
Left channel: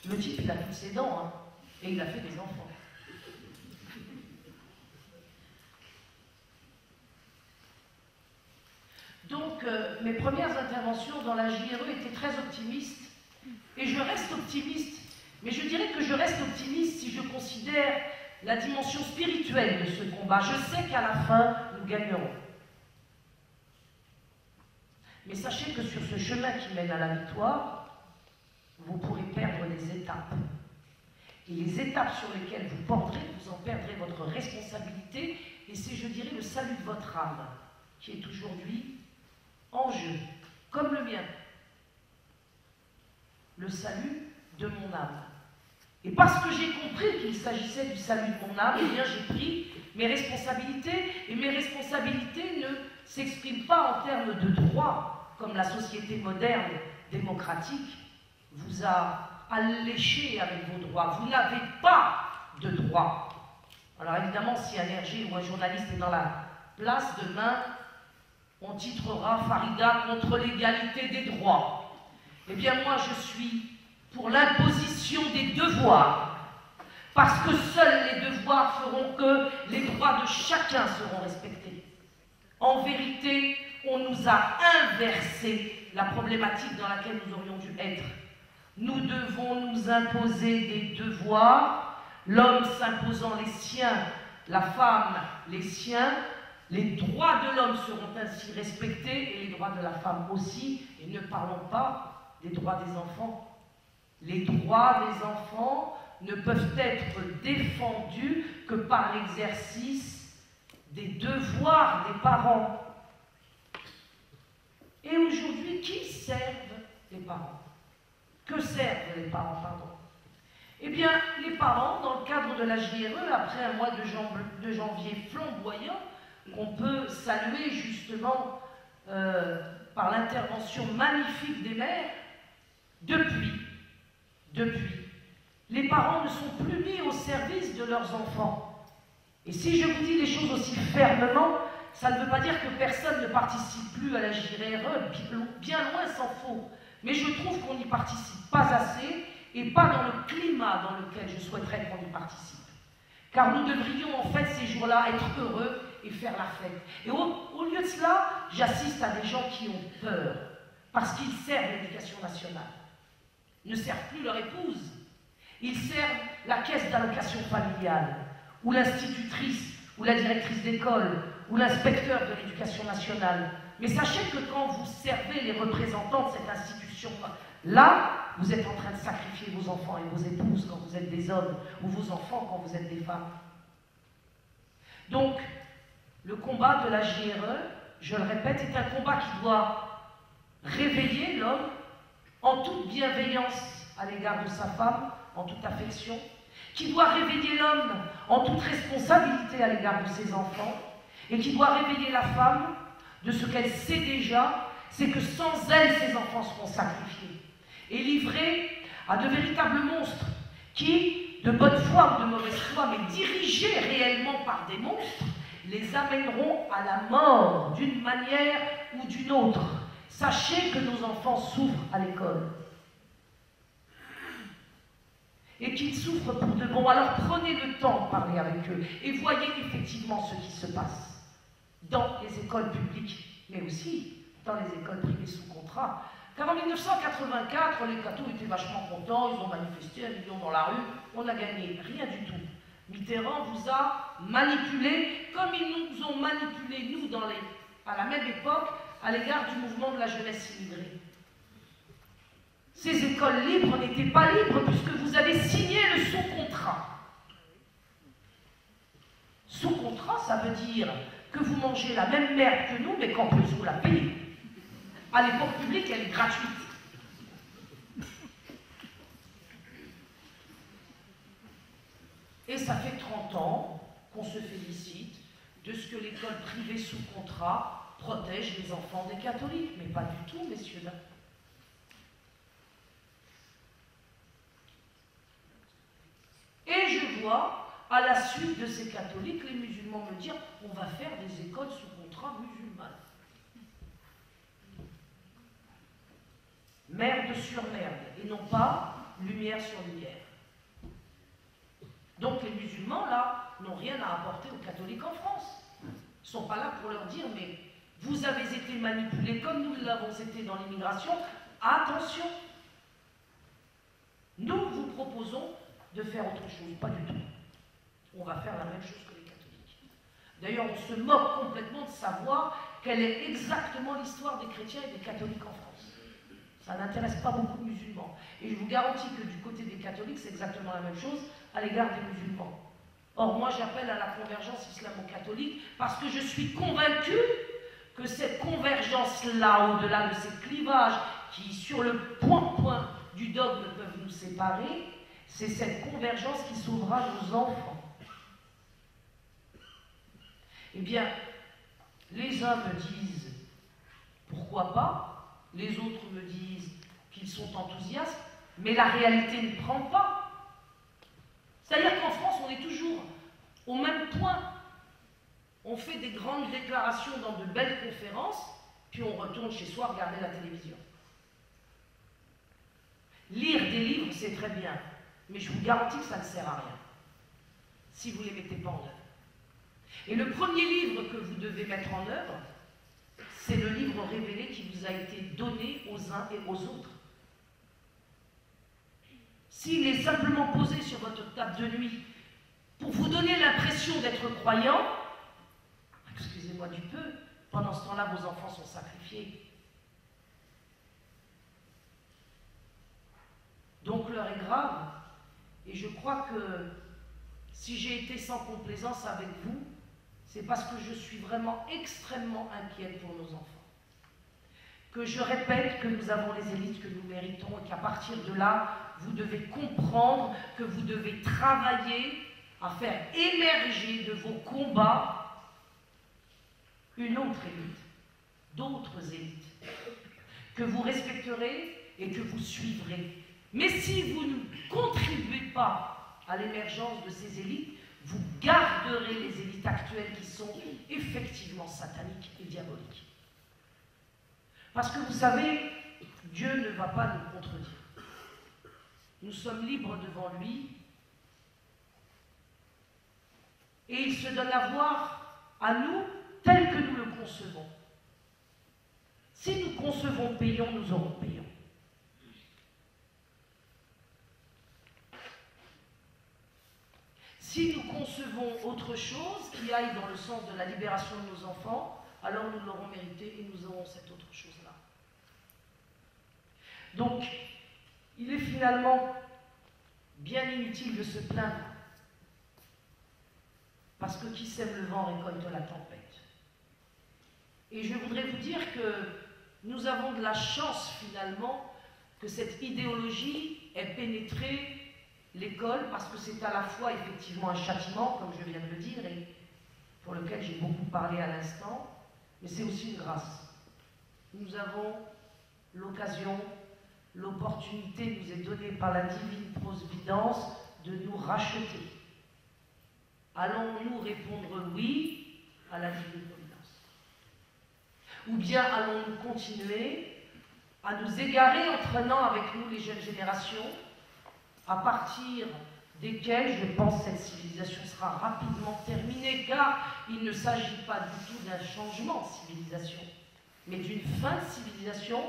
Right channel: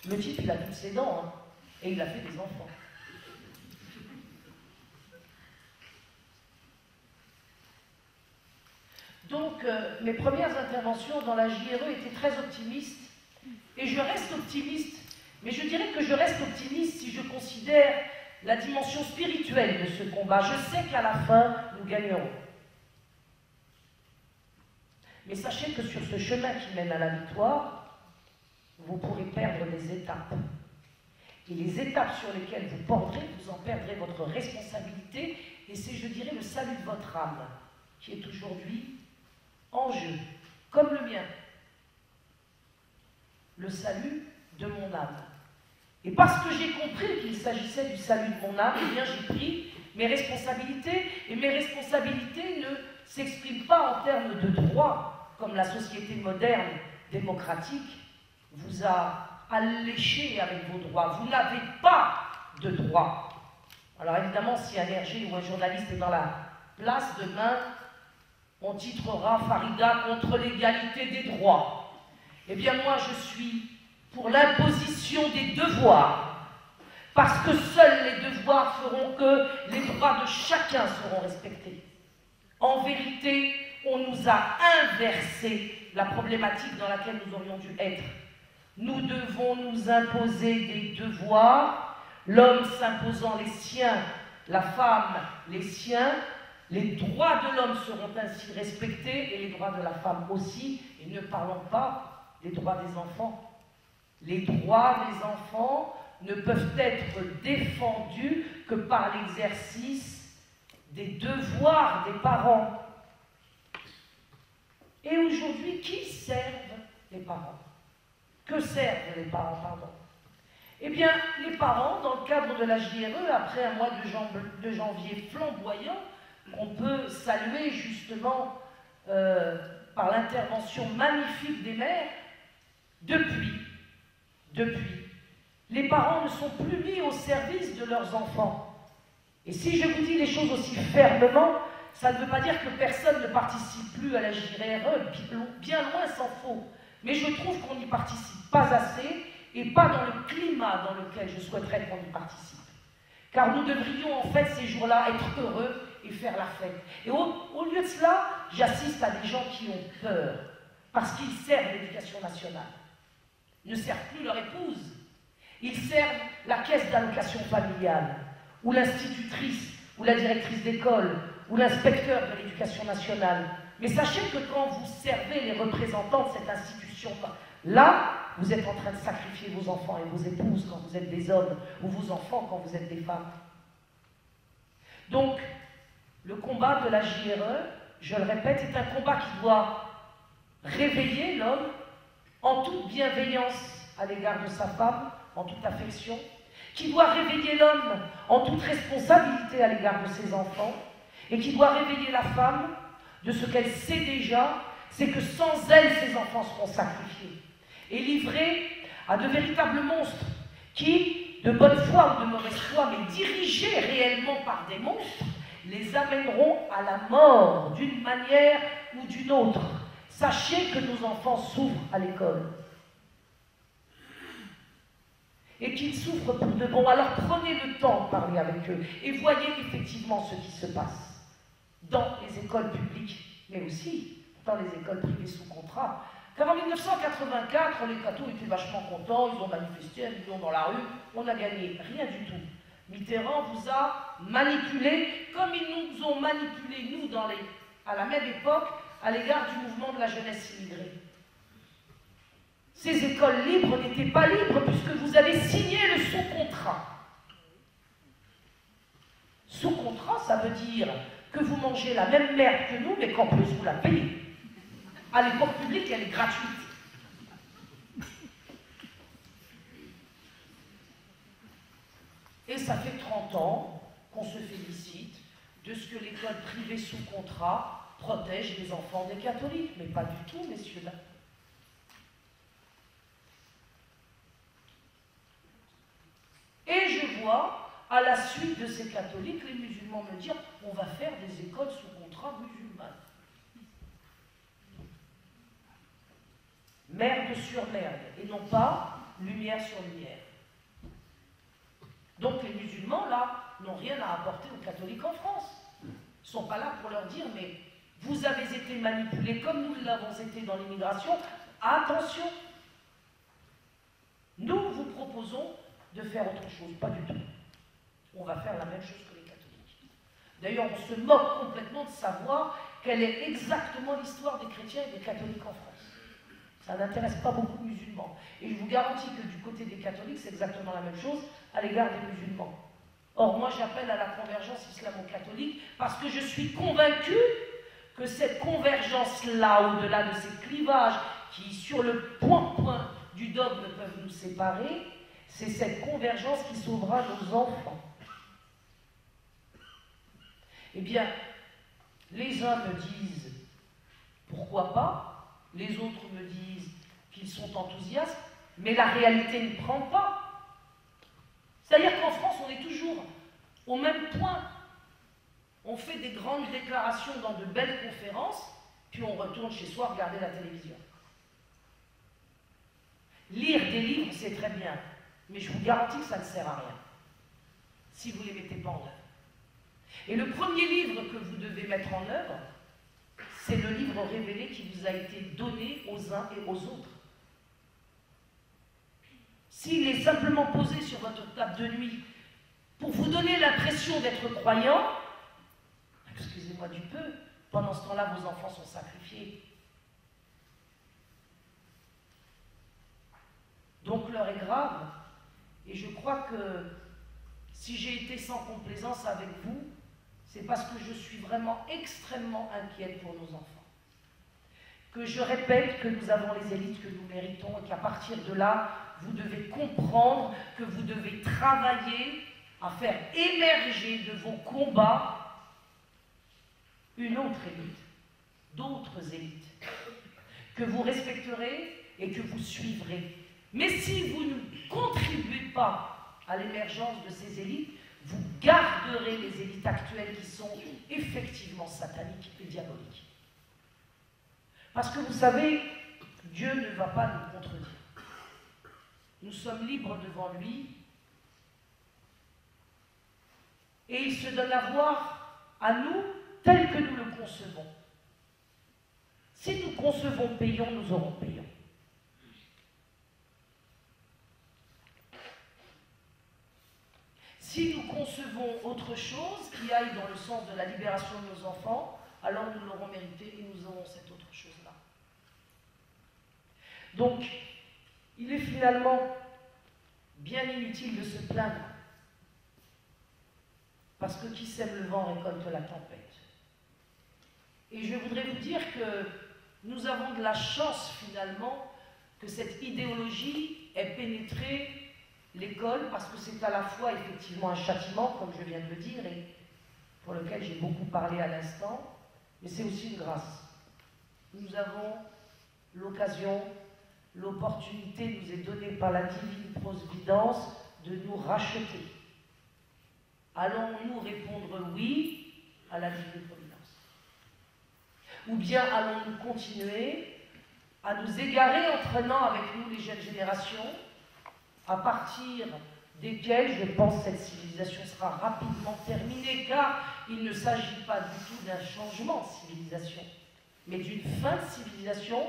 Le type, il a toutes ses dents, hein, et il a fait des enfants. Donc, mes premières interventions dans la JRE étaient très optimistes, et je reste optimiste, mais je dirais que je reste optimiste si je considère la dimension spirituelle de ce combat. Je sais qu'à la fin, nous gagnerons. Mais sachez que sur ce chemin qui mène à la victoire, vous pourrez perdre des étapes. Et les étapes sur lesquelles vous porterez, vous en perdrez votre responsabilité, et c'est, je dirais, le salut de votre âme, qui est aujourd'hui en jeu, comme le mien. Le salut de mon âme. Et parce que j'ai compris qu'il s'agissait du salut de mon âme, eh bien j'ai pris mes responsabilités, et mes responsabilités ne s'expriment pas en termes de droit, comme la société moderne, démocratique, vous a alléché avec vos droits. Vous n'avez pas de droits. Alors évidemment, si un RG ou un journaliste est dans la place, demain, on titrera Farida contre l'égalité des droits. Eh bien moi, je suis pour l'imposition des devoirs, parce que seuls les devoirs feront que les droits de chacun seront respectés. En vérité, on nous a inversé la problématique dans laquelle nous aurions dû être. Nous devons nous imposer des devoirs, l'homme s'imposant les siens, la femme les siens. Les droits de l'homme seront ainsi respectés et les droits de la femme aussi. Et ne parlons pas des droits des enfants. Les droits des enfants ne peuvent être défendus que par l'exercice des devoirs des parents. Et aujourd'hui, qui servent les parents? Que servent les parents, pardon? Eh bien, les parents, dans le cadre de la JRE, après un mois de janvier flamboyant, qu'on peut saluer justement par l'intervention magnifique des mères, depuis, les parents ne sont plus mis au service de leurs enfants. Et si je vous dis les choses aussi fermement, ça ne veut pas dire que personne ne participe plus à la JRE, bien loin s'en faut. Mais je trouve qu'on n'y participe pas assez, et pas dans le climat dans lequel je souhaiterais qu'on y participe. Car nous devrions en fait ces jours-là être heureux et faire la fête. Et au lieu de cela, j'assiste à des gens qui ont peur, parce qu'ils servent l'éducation nationale. Ils ne servent plus leur épouse, ils servent la caisse d'allocation familiale, ou l'institutrice, ou la directrice d'école, ou l'inspecteur de l'éducation nationale. Mais sachez que quand vous servez les représentants de cette institution-là, vous êtes en train de sacrifier vos enfants et vos épouses quand vous êtes des hommes, ou vos enfants quand vous êtes des femmes. Donc, le combat de la JRE, je le répète, est un combat qui doit réveiller l'homme en toute bienveillance à l'égard de sa femme, en toute affection, qui doit réveiller l'homme en toute responsabilité à l'égard de ses enfants, et qui doit réveiller la femme de ce qu'elle sait déjà, c'est que sans elle, ses enfants seront sacrifiés et livrés à de véritables monstres qui, de bonne foi ou de mauvaise foi, mais dirigés réellement par des monstres, les amèneront à la mort d'une manière ou d'une autre. Sachez que nos enfants souffrent à l'école. Et qu'ils souffrent pour de bon. Alors prenez le temps de parler avec eux et voyez effectivement ce qui se passe dans les écoles publiques, mais aussi dans les écoles privées sous contrat. Car en 1984, les cathos étaient vachement contents, ils ont manifesté un million dans la rue, on n'a gagné rien du tout. Mitterrand vous a manipulé comme ils nous ont manipulé, nous, à la même époque, à l'égard du mouvement de la jeunesse immigrée. Ces écoles libres n'étaient pas libres puisque vous avez signé le sous-contrat. Sous-contrat, ça veut dire que vous mangez la même merde que nous, mais qu'en plus vous la payez. À l'école publique, elle est gratuite. Et ça fait 30 ans qu'on se félicite de ce que l'école privée sous contrat protège les enfants des catholiques. Mais pas du tout, messieurs, dames. Et je vois, à la suite de ces catholiques, les musulmans me dire on va faire des écoles sous contrat musulmanes. Merde sur merde, et non pas lumière sur lumière. Donc les musulmans, là, n'ont rien à apporter aux catholiques en France. Ils ne sont pas là pour leur dire mais vous avez été manipulés comme nous l'avons été dans l'immigration. Attention, nous vous proposons de faire autre chose, pas du tout. On va faire la même chose que les catholiques. D'ailleurs, on se moque complètement de savoir quelle est exactement l'histoire des chrétiens et des catholiques en France. Ça n'intéresse pas beaucoup les musulmans. Et je vous garantis que du côté des catholiques, c'est exactement la même chose à l'égard des musulmans. Or, moi, j'appelle à la convergence islamo-catholique parce que je suis convaincu que cette convergence-là, au-delà de ces clivages qui, sur le point du dogme, peuvent nous séparer, c'est cette convergence qui sauvera nos enfants. Eh bien, les uns me disent pourquoi pas, les autres me disent qu'ils sont enthousiastes, mais la réalité ne prend pas. C'est-à-dire qu'en France, on est toujours au même point. On fait des grandes déclarations dans de belles conférences, puis on retourne chez soi regarder la télévision. Lire des livres, c'est très bien, mais je vous garantis que ça ne sert à rien, si vous ne les mettez pas en œuvre. Et le premier livre que vous devez mettre en œuvre, c'est le livre révélé qui vous a été donné aux uns et aux autres. S'il est simplement posé sur votre table de nuit pour vous donner l'impression d'être croyant, excusez-moi du peu, pendant ce temps-là, vos enfants sont sacrifiés. Donc l'heure est grave, et je crois que si j'ai été sans complaisance avec vous, c'est parce que je suis vraiment extrêmement inquiète pour nos enfants. que je répète que nous avons les élites que nous méritons et qu'à partir de là, vous devez comprendre que vous devez travailler à faire émerger de vos combats une autre élite, d'autres élites, que vous respecterez et que vous suivrez. Mais si vous ne contribuez pas à l'émergence de ces élites, vous garderez les élites actuelles qui sont effectivement sataniques et diaboliques. Parce que vous savez, Dieu ne va pas nous contredire. Nous sommes libres devant lui et il se donne à voir à nous tel que nous le concevons. Si nous concevons payons, nous aurons payons. Si nous concevons autre chose qui aille dans le sens de la libération de nos enfants, alors nous l'aurons mérité et nous aurons cette autre chose-là. Donc, il est finalement bien inutile de se plaindre, parce que qui sème le vent récolte la tempête. Et je voudrais vous dire que nous avons de la chance finalement que cette idéologie ait pénétré l'école, parce que c'est à la fois effectivement un châtiment, comme je viens de le dire, et pour lequel j'ai beaucoup parlé à l'instant, mais c'est aussi une grâce. Nous avons l'occasion, l'opportunité nous est donnée par la divine providence de nous racheter. Allons-nous répondre oui à la divine providence? Ou bien allons-nous continuer à nous égarer en prenant avec nous les jeunes générations, à partir desquelles, je pense, cette civilisation sera rapidement terminée, car il ne s'agit pas du tout d'un changement de civilisation, mais d'une fin de civilisation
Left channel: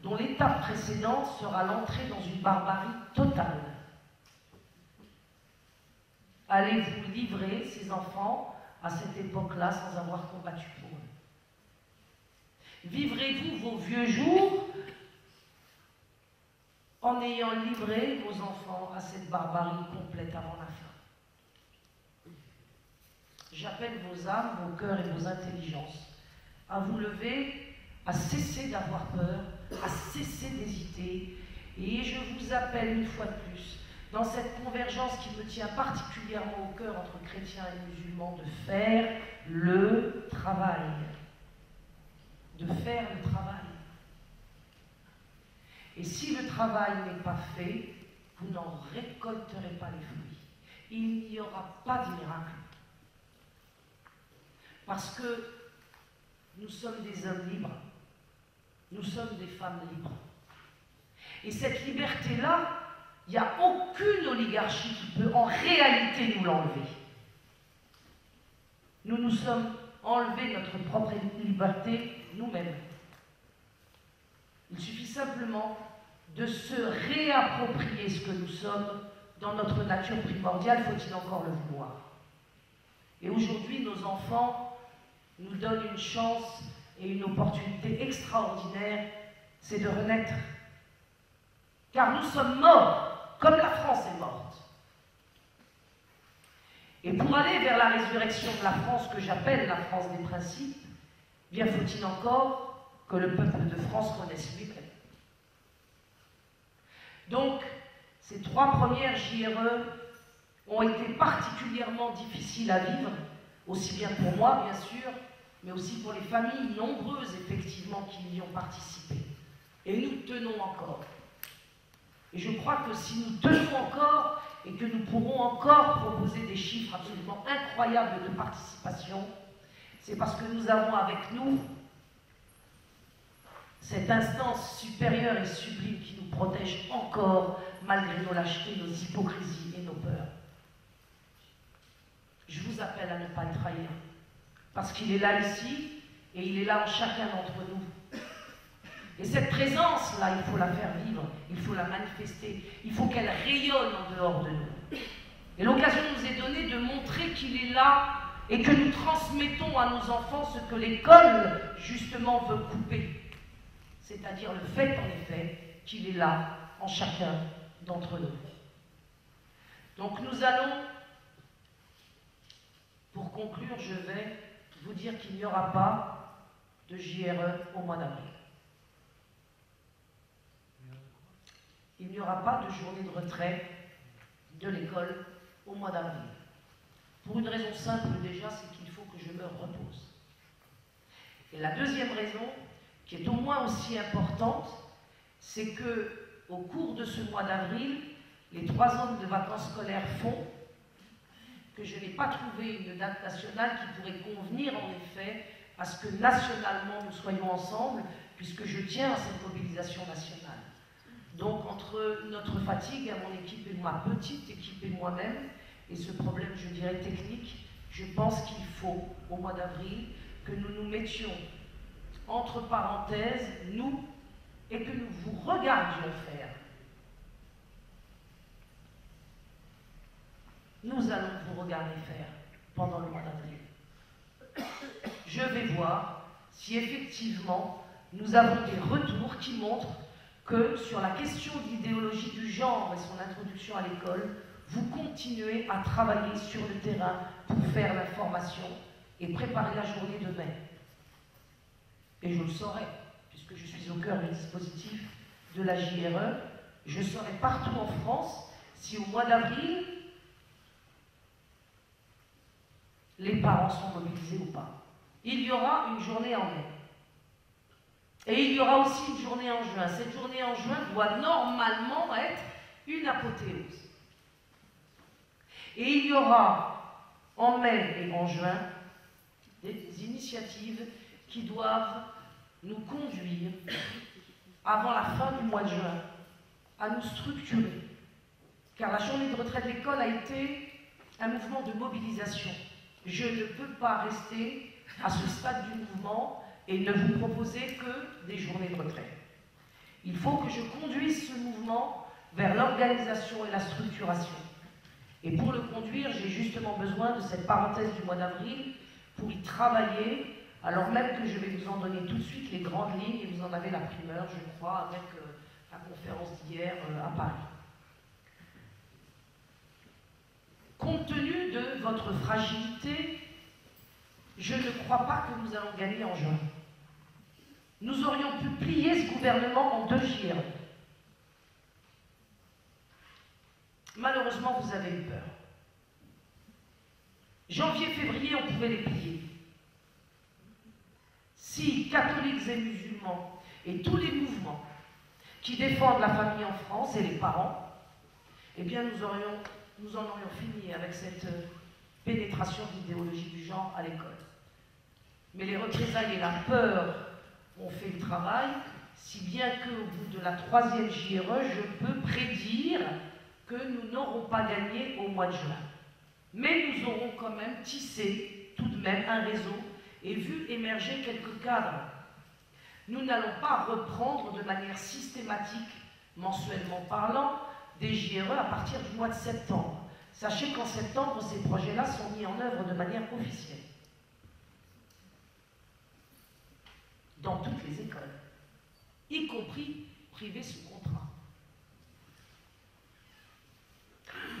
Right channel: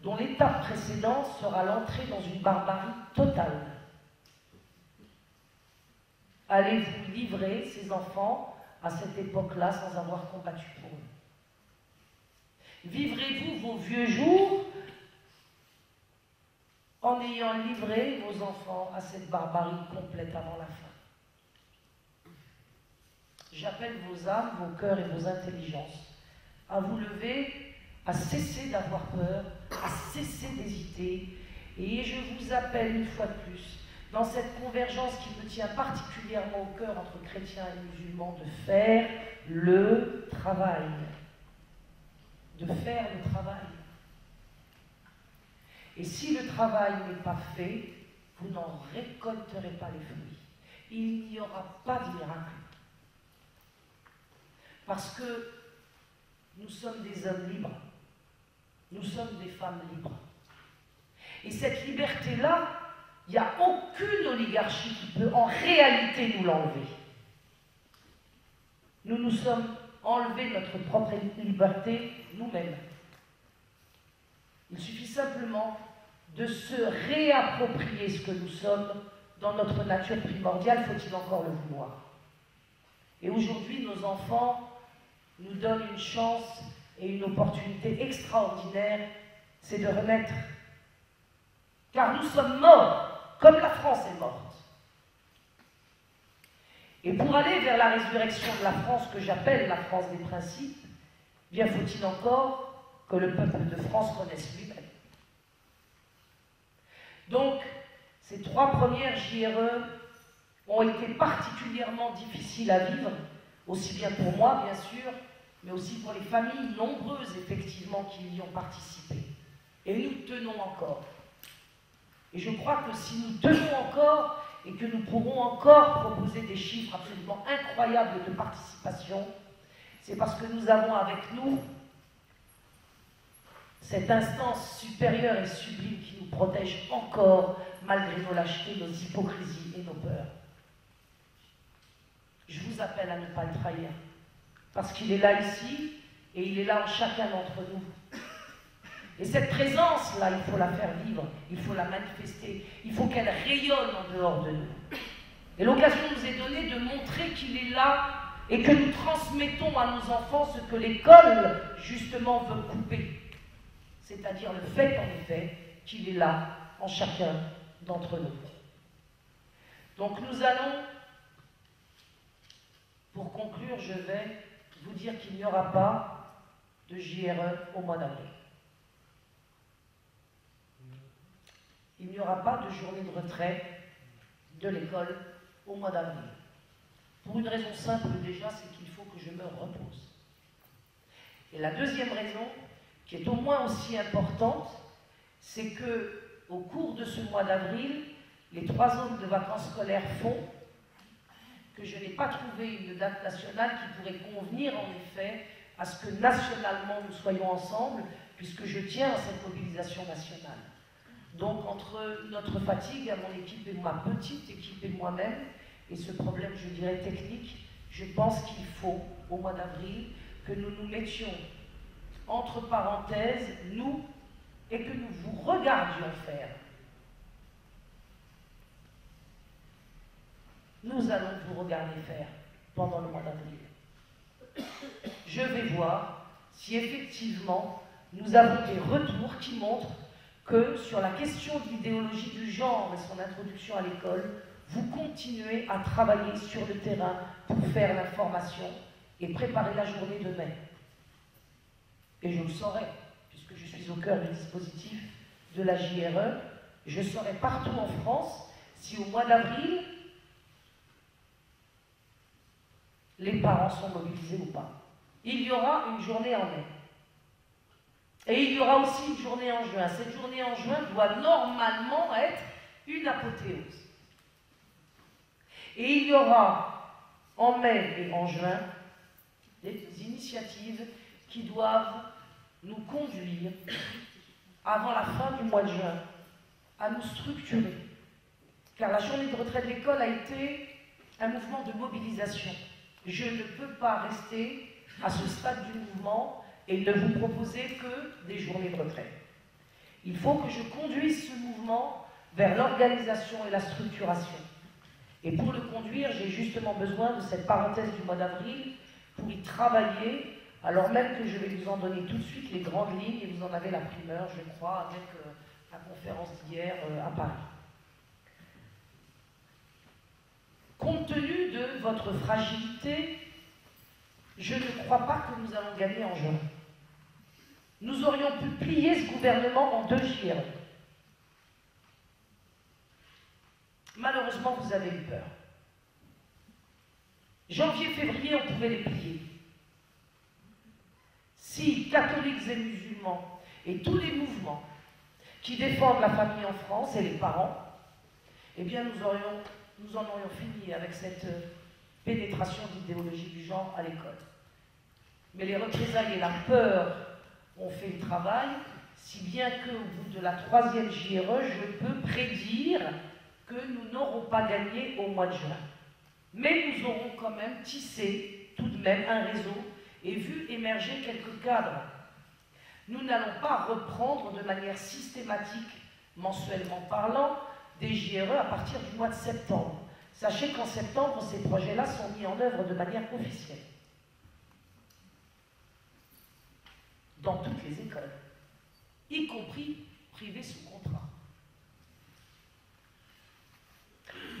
dont l'étape précédente sera l'entrée dans une barbarie totale. Allez-vous livrer ces enfants à cette époque-là sans avoir combattu pour eux? Vivrez-vous vos vieux jours en ayant livré vos enfants à cette barbarie complète avant la fin? J'appelle vos âmes, vos cœurs et vos intelligences à vous lever, à cesser d'avoir peur, à cesser d'hésiter. Et je vous appelle une fois de plus, dans cette convergence qui me tient particulièrement au cœur entre chrétiens et musulmans, de faire le travail. De faire le travail. Et si le travail n'est pas fait, vous n'en récolterez pas les fruits. Il n'y aura pas de miracle. Parce que nous sommes des hommes libres. Nous sommes des femmes libres. Et cette liberté-là, il n'y a aucune oligarchie qui peut en réalité nous l'enlever. Nous nous sommes enlevés notre propre liberté nous-mêmes. Il suffit simplement de se réapproprier ce que nous sommes dans notre nature primordiale, faut-il encore le vouloir. Et aujourd'hui, nos enfants nous donnent une chance et une opportunité extraordinaire, c'est de renaître. Car nous sommes morts, comme la France est morte. Et pour aller vers la résurrection de la France, que j'appelle la France des principes, bien faut-il encore que le peuple de France connaisse lui-même. Donc, ces 3 premières JRE ont été particulièrement difficiles à vivre, aussi bien pour moi, bien sûr, mais aussi pour les familles nombreuses, effectivement, qui y ont participé. Et nous tenons encore. Et je crois que si nous tenons encore, et que nous pourrons encore proposer des chiffres absolument incroyables de participation, c'est parce que nous avons avec nous cette instance supérieure et sublime qui nous protège encore, malgré nos lâchetés, nos hypocrisies et nos peurs. Je vous appelle à ne pas le trahir, parce qu'il est là ici, et il est là en chacun d'entre nous. Et cette présence-là, il faut la faire vivre, il faut la manifester, il faut qu'elle rayonne en dehors de nous. Et l'occasion nous est donnée de montrer qu'il est là et que nous transmettons à nos enfants ce que l'école, justement, veut couper. C'est-à-dire le fait, en effet, qu'il est là en chacun d'entre nous. Donc nous allons, pour conclure, je vais vous dire qu'il n'y aura pas de JRE au mois d'avril. il n'y aura pas de journée de retrait de l'école au mois d'avril. Pour une raison simple déjà, c'est qu'il faut que je me repose. Et la deuxième raison, qui est au moins aussi importante, c'est que au cours de ce mois d'avril, les 3 ans de vacances scolaires font que je n'ai pas trouvé une date nationale qui pourrait convenir en effet à ce que nationalement nous soyons ensemble, puisque je tiens à cette mobilisation nationale. Donc entre notre fatigue à mon équipe et ma petite équipe et moi-même, et ce problème, je dirais, technique, je pense qu'il faut, au mois d'avril, que nous nous mettions entre parenthèses, nous, et que nous vous regardions faire. Nous allons vous regarder faire pendant le mois d'avril. Je vais voir si effectivement nous avons des retours qui montrent que sur la question de l'idéologie du genre et son introduction à l'école, vous continuez à travailler sur le terrain pour faire l'information et préparer la journée de mai. Et je le saurai, puisque je suis au cœur du dispositif de la JRE, je saurai partout en France si au mois d'avril, les parents sont mobilisés ou pas. Il y aura une journée en mai. Et il y aura aussi une journée en juin. Cette journée en juin doit normalement être une apothéose. Et il y aura en mai et en juin des initiatives qui doivent nous conduire, avant la fin du mois de juin, à nous structurer. Car la journée de retraite de l'école a été un mouvement de mobilisation. Je ne peux pas rester à ce stade du mouvement et ne vous proposer que des journées de retraite. Il faut que je conduise ce mouvement vers l'organisation et la structuration. Et pour le conduire, j'ai justement besoin de cette parenthèse du mois d'avril pour y travailler, alors même que je vais vous en donner tout de suite les grandes lignes, et vous en avez la primeur, je crois, avec la conférence d'hier à Paris. Compte tenu de votre fragilité, je ne crois pas que nous allons gagner en juin. Nous aurions pu plier ce gouvernement en 2 JRE. Malheureusement, vous avez eu peur. Janvier, février, on pouvait les plier. Si catholiques et musulmans et tous les mouvements qui défendent la famille en France et les parents, eh bien nous en aurions fini avec cette pénétration d'idéologie du genre à l'école. Mais les représailles et la peur ont fait le travail, si bien qu'au bout de la 3e JRE, je peux prédire que nous n'aurons pas gagné au mois de juin. Mais nous aurons quand même tissé tout de même un réseau et vu émerger quelques cadres. Nous n'allons pas reprendre de manière systématique, mensuellement parlant, des JRE à partir du mois de septembre. Sachez qu'en septembre, ces projets-là sont mis en œuvre de manière officielle. Dans toutes les écoles, y compris privées sous contrat.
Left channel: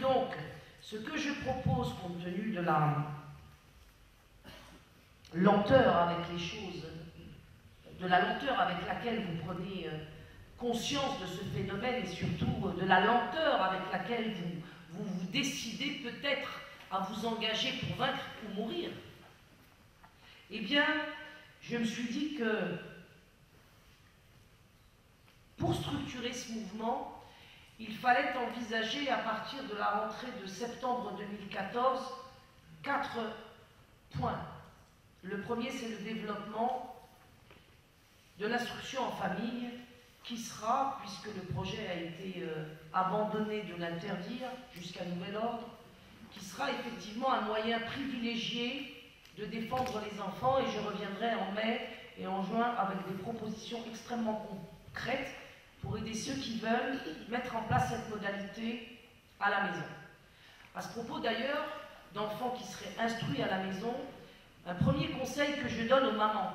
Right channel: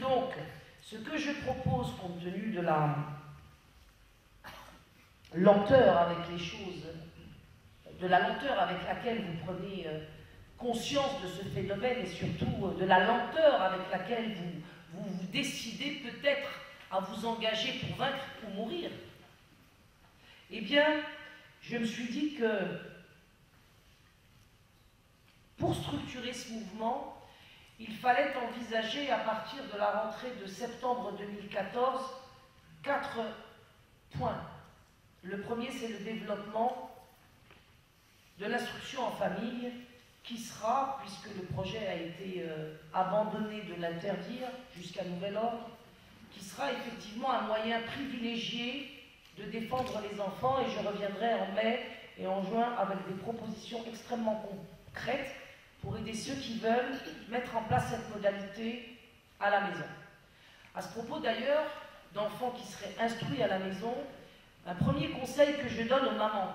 Donc, ce que je propose, compte tenu de la lenteur avec les choses, de la lenteur avec laquelle vous prenez conscience de ce phénomène et surtout de la lenteur avec laquelle vous décidez peut-être à vous engager pour vaincre ou mourir, eh bien, je me suis dit que pour structurer ce mouvement, il fallait envisager à partir de la rentrée de septembre 2014 4 points. Le premier, c'est le développement de l'instruction en famille qui sera, puisque le projet a été abandonné de l'interdire jusqu'à nouvel ordre, qui sera effectivement un moyen privilégié de défendre les enfants, et je reviendrai en mai et en juin avec des propositions extrêmement concrètes pour aider ceux qui veulent mettre en place cette modalité à la maison. À ce propos d'ailleurs, d'enfants qui seraient instruits à la maison, un premier conseil que je donne aux mamans,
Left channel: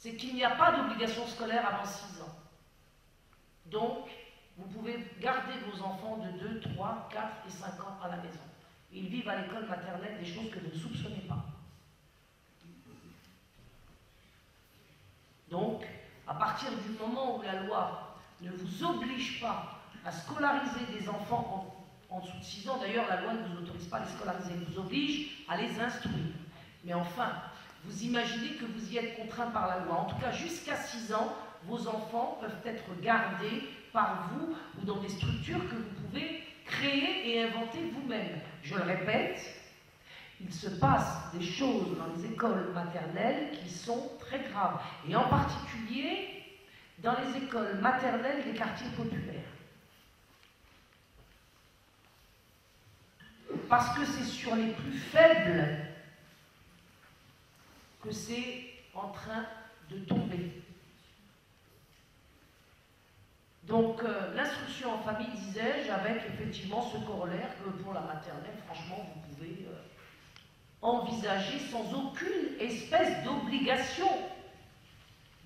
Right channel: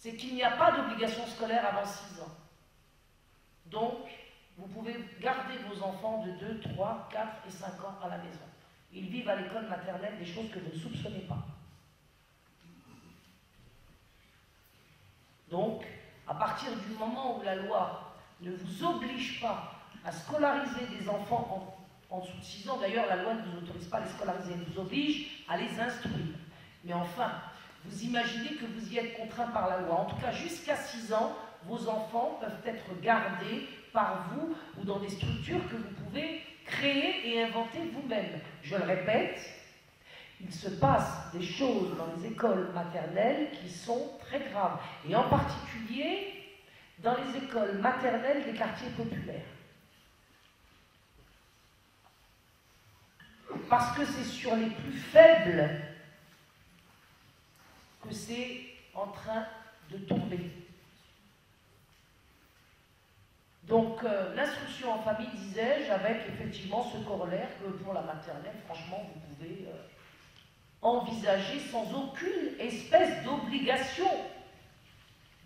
c'est qu'il n'y a pas d'obligation scolaire avant 6 ans. Donc, vous pouvez garder vos enfants de 2, 3, 4 et 5 ans à la maison. Ils vivent à l'école maternelle des choses que vous ne soupçonnez pas. Donc, à partir du moment où la loi ne vous oblige pas à scolariser des enfants en dessous de 6 ans, d'ailleurs la loi ne vous autorise pas à les scolariser, elle vous oblige à les instruire. Mais enfin, vous imaginez que vous y êtes contraint par la loi. En tout cas, jusqu'à 6 ans, vos enfants peuvent être gardés par vous ou dans des structures que vous pouvez créer et inventer vous-même. Je le répète, il se passe des choses dans les écoles maternelles qui sont très graves, et en particulier dans les écoles maternelles des quartiers populaires. Parce que c'est sur les plus faibles que c'est en train de tomber. Donc, l'instruction en famille, disais-je, avec effectivement ce corollaire que pour la maternelle, franchement, vous pouvez envisager sans aucune espèce d'obligation